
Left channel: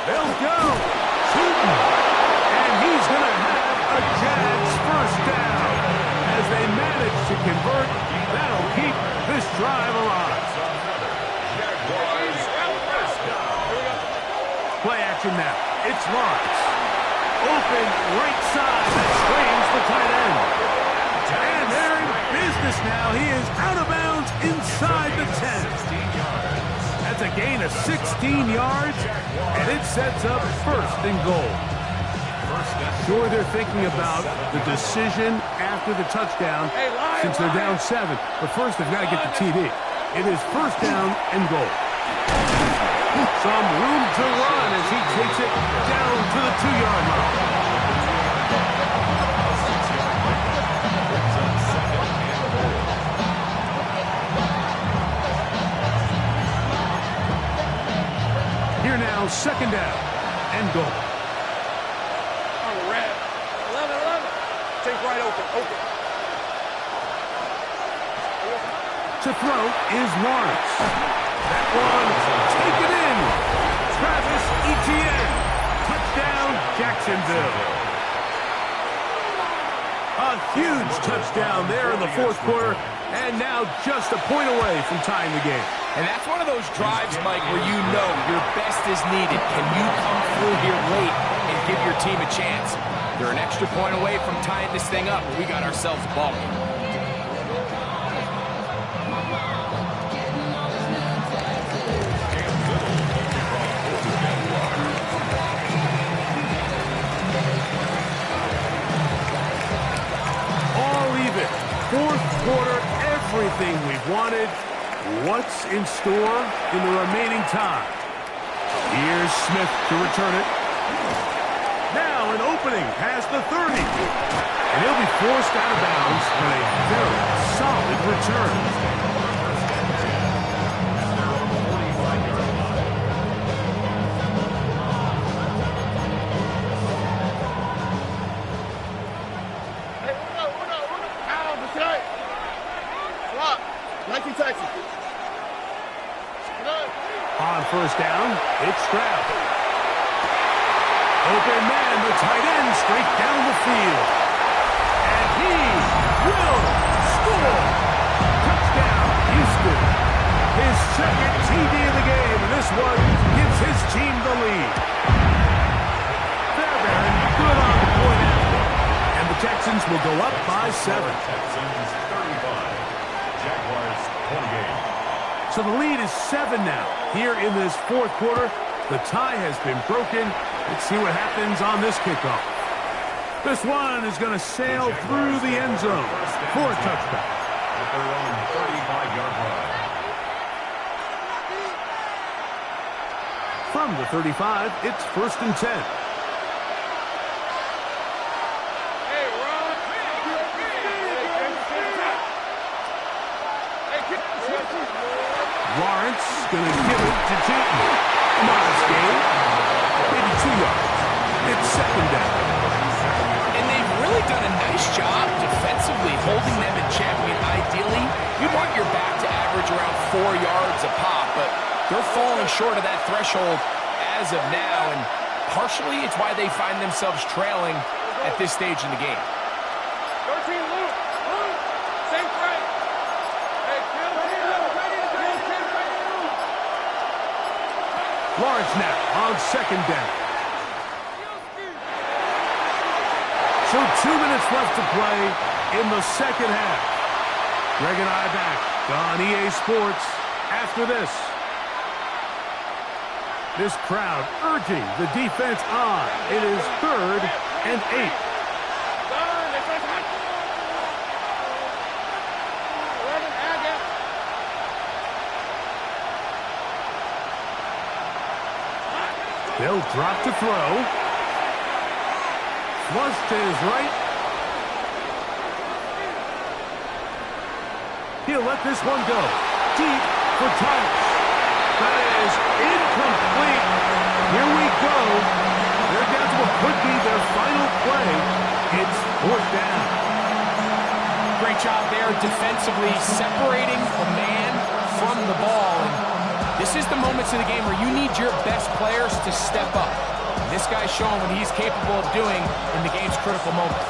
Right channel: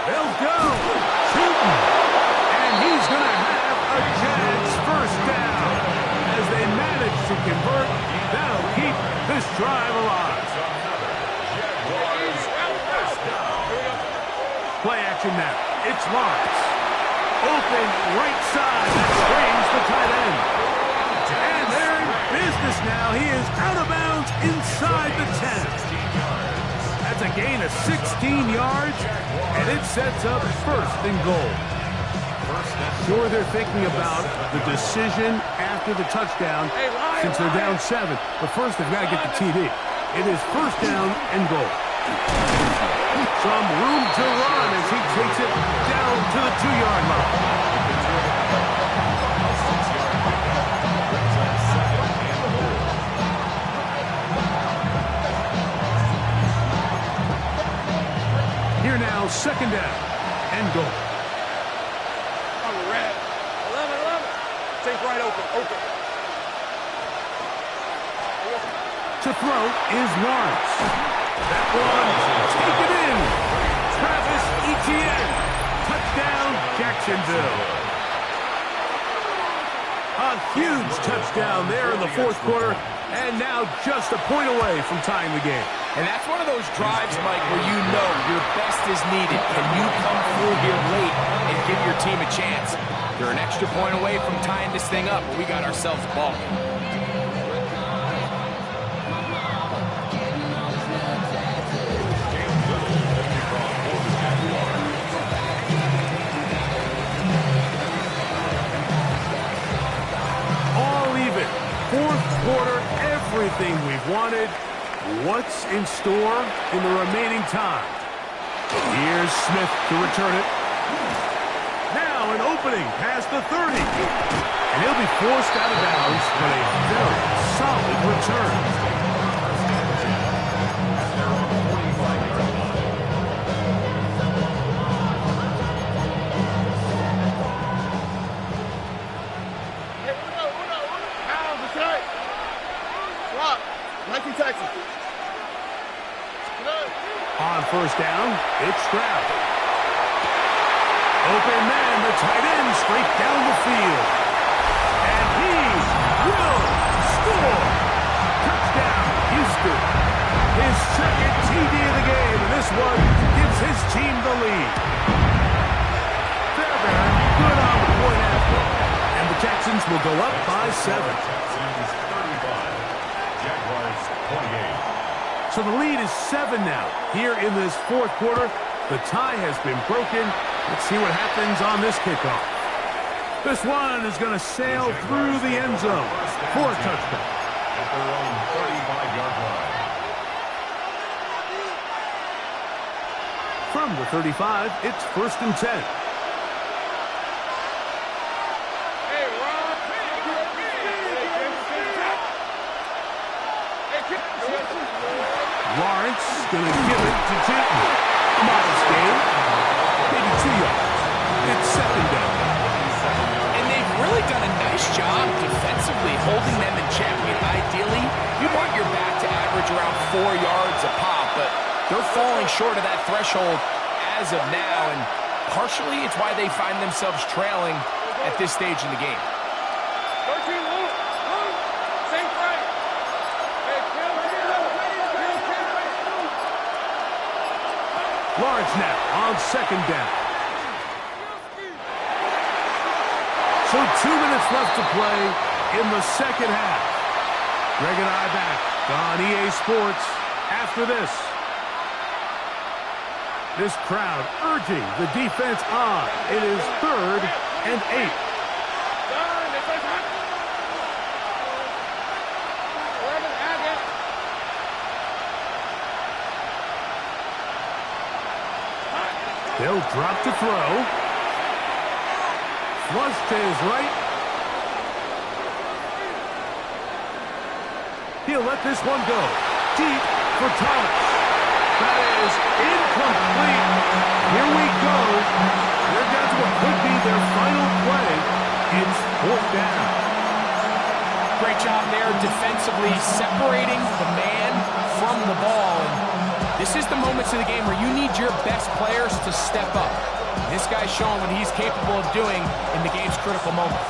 They'll go. Tootin. And he's going to have a Jags 1st down. As they manage to convert, that'll keep this drive alive. Jaguars, 1st down. Play action now. It's Lawrence. Open right side. That screens the tight end. And they're in business now. He is out of bounds inside the 10. 16 yards. That's a gain of 16 yards, and it sets up 1st and goal. Sure, they're thinking about the decision after the touchdown since they're down 7. But first, they've got to get the TD. It is 1st down and goal. Some room to run as he takes it down to the 2-yard line. A 6-yard pickup brings up 2nd and goal. Here now, 2nd down and goal. On the red. 11. Take right open. To throw is Lawrence. That one, take it in. Travis Etienne. Touchdown, Jacksonville. A huge touchdown there in the fourth quarter, and now just a point away from tying the game. And that's one of those drives, Mike, where you know your best is needed. Can you come through here late and give your team a chance? They're an extra point away from tying this thing up, but we got ourselves a ball game. All even. Fourth quarter, everything we've wanted. What's in store in the remaining time? Here's Smith to return it. Now an opening past the 30. And he'll be forced out of bounds, but a very solid return. Hey, Uno. Ow, that's right. Swap. Nike Texas. On first down, it's Stroud. Open man, the tight end, straight down the field. And he will score. Touchdown, Houston. His second TD of the game, and this one gives his team the lead. Fairbairn, good on the point after. And the Texans will go up by 7. Texans 35, Jaguars 28. So the lead is 7 now. Here in this fourth quarter, the tie has been broken. Let's see what happens on this kickoff. This one is going to sail through the end zone for a touchback. At their own 35-yard line. From the 35, it's 1st and 10. Hey, Ron. Lawrence going to give it to Jitten. A modest gain. Maybe 2 yards. It's 2nd down. And they've really done a nice job defensively holding them in check. I mean, ideally, you want your back to average around 4 yards a pop, but they're falling short of that threshold as of now, and partially it's why they find themselves trailing at this stage in the game. 13, Luke. Safe right. Hey, kill. Lawrence now on 2nd down. So 2 minutes left to play in the second half. Greg and I back on EA Sports after this. This crowd urging the defense on. It is 3rd and 8. They'll drop to throw. Flush to his right. He'll let this one go. Deep for Thomas. That is incomplete. Here we go. They're down to what could be their final play. It's 4th down. Great job there defensively, separating the man from the ball. And this is the moments of the game where you need your best players to step up. This guy's showing what he's capable of doing in the game's critical moment.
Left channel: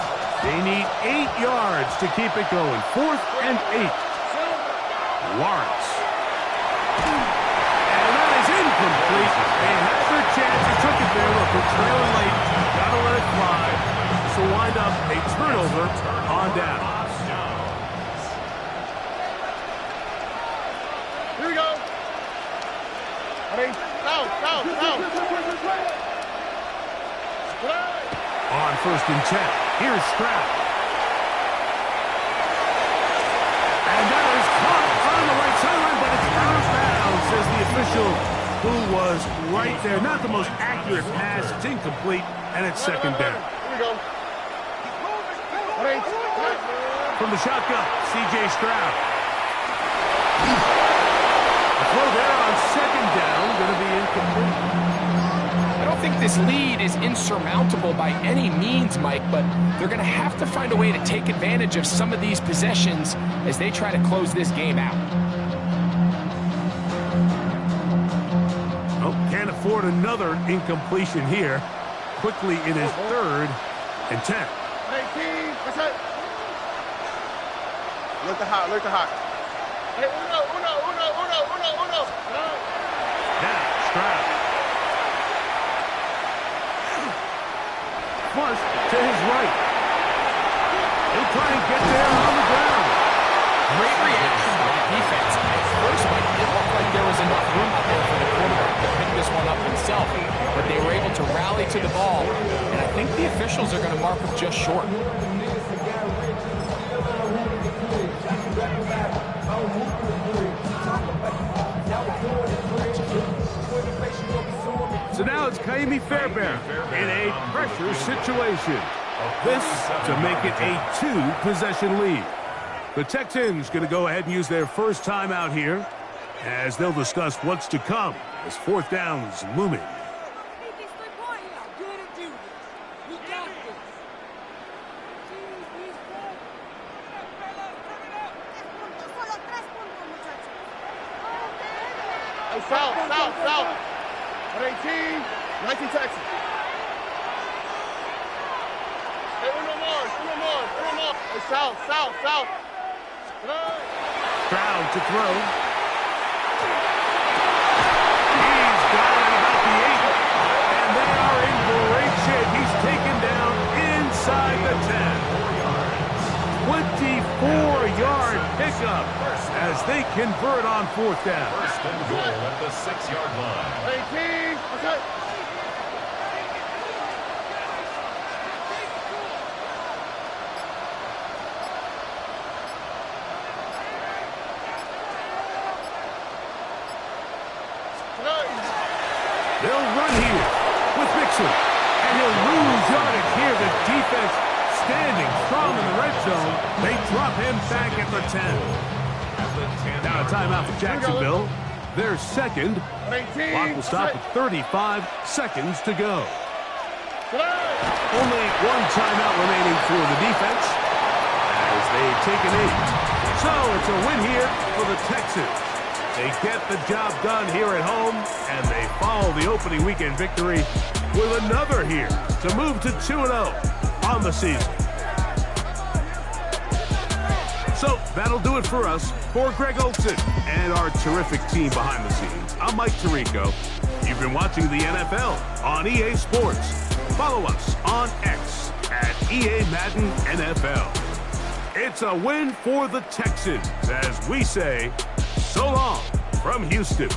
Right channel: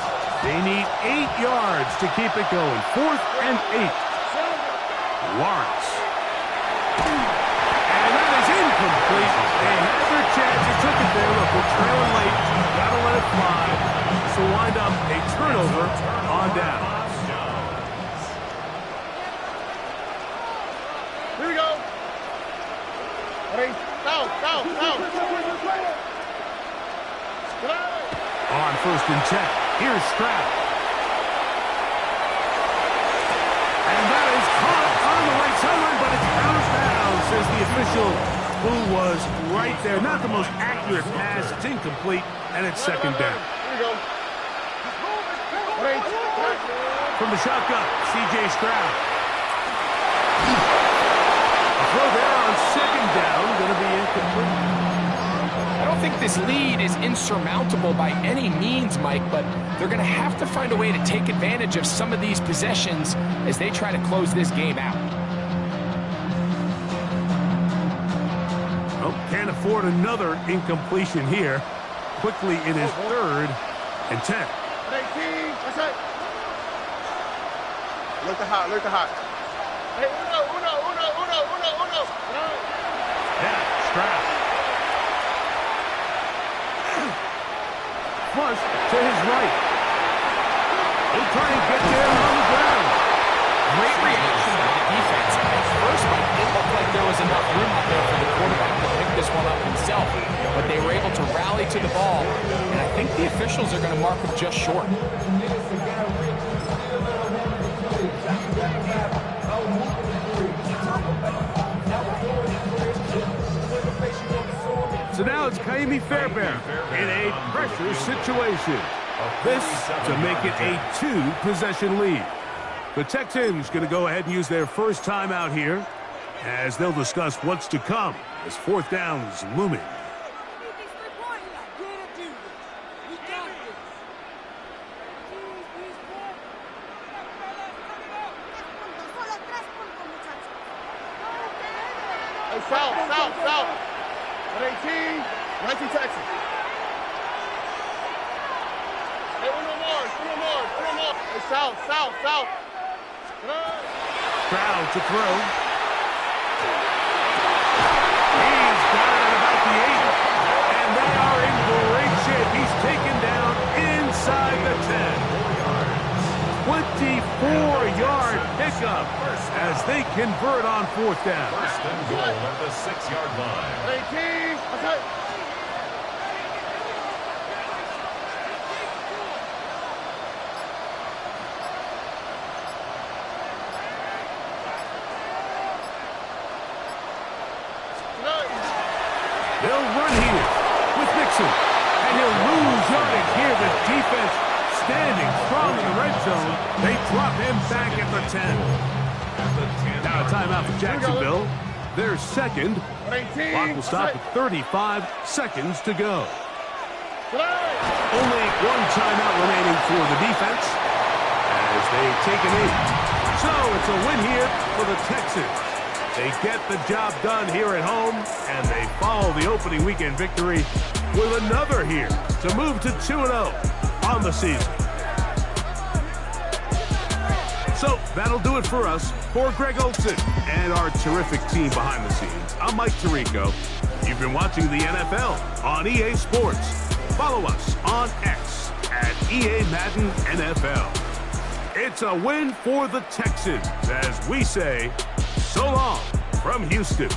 They need 8 yards to keep it going. 4th and 8. Lawrence. And that is incomplete. They had their chance. They took it there. Look, we're trailing late. Got to let it fly. This will wind up a turnover on down. Here we go. Ready? Down. On 1st and 10. Here's Stroud. And that is caught on the right sideline, but it's out of bounds, says the official, who was right there. Not the most accurate pass. It's incomplete, and it's 2nd down. Here we go. From the shotgun, C.J. Stroud. A throw there on 2nd down, going to be incomplete. I don't think this lead is insurmountable by any means, Mike, but they're going to have to find a way to take advantage of some of these possessions as they try to close this game out. Oh, can't afford another incompletion here. Quickly in his 3rd and 10. 18. That's it. Look the hot. Look the hot. Hey, uno. Now, Stroud. Flush to his right. He'll try and get there on the ground. Great reaction by the defense. At first, Mike, it looked like there was enough room out there for the quarterback to pick this one up himself, but they were able to rally to the ball, and I think the officials are going to mark him just short. So now it's Kaimi Fairbairn in a pressure situation. This to make it a 2-possession lead. The Texans going to go ahead and use their first timeout here as they'll discuss what's to come as 4th down's looming. Hey, south. 18. 19 Texas. Hey, uno more. Hey, south. Stroud to throw. He's got it at about the 8. And they are in great shape. He's taken down inside the 10. 24-yard pickup as they convert on 4th down. 1st and goal at the 6-yard line. 18. Okay. They'll run here with Mixon. And he'll lose yardage here. The defense standing strong in the red zone. They drop him back at the 10. Now a timeout for Jacksonville. Their 2nd. Clock will stop at 35 seconds to go. Only one timeout remaining for the defense as they take an 8. So it's a win here for the Texans. They get the job done here at home, and they follow the opening weekend victory with another here to move to 2-0 on the season. So that'll do it for us. For Greg Olson and our terrific team behind the scenes, I'm Mike Tirico. You've been watching the NFL on EA Sports. Follow us on X at EA Madden NFL. It's a win for the Texans as we say, so long from Houston.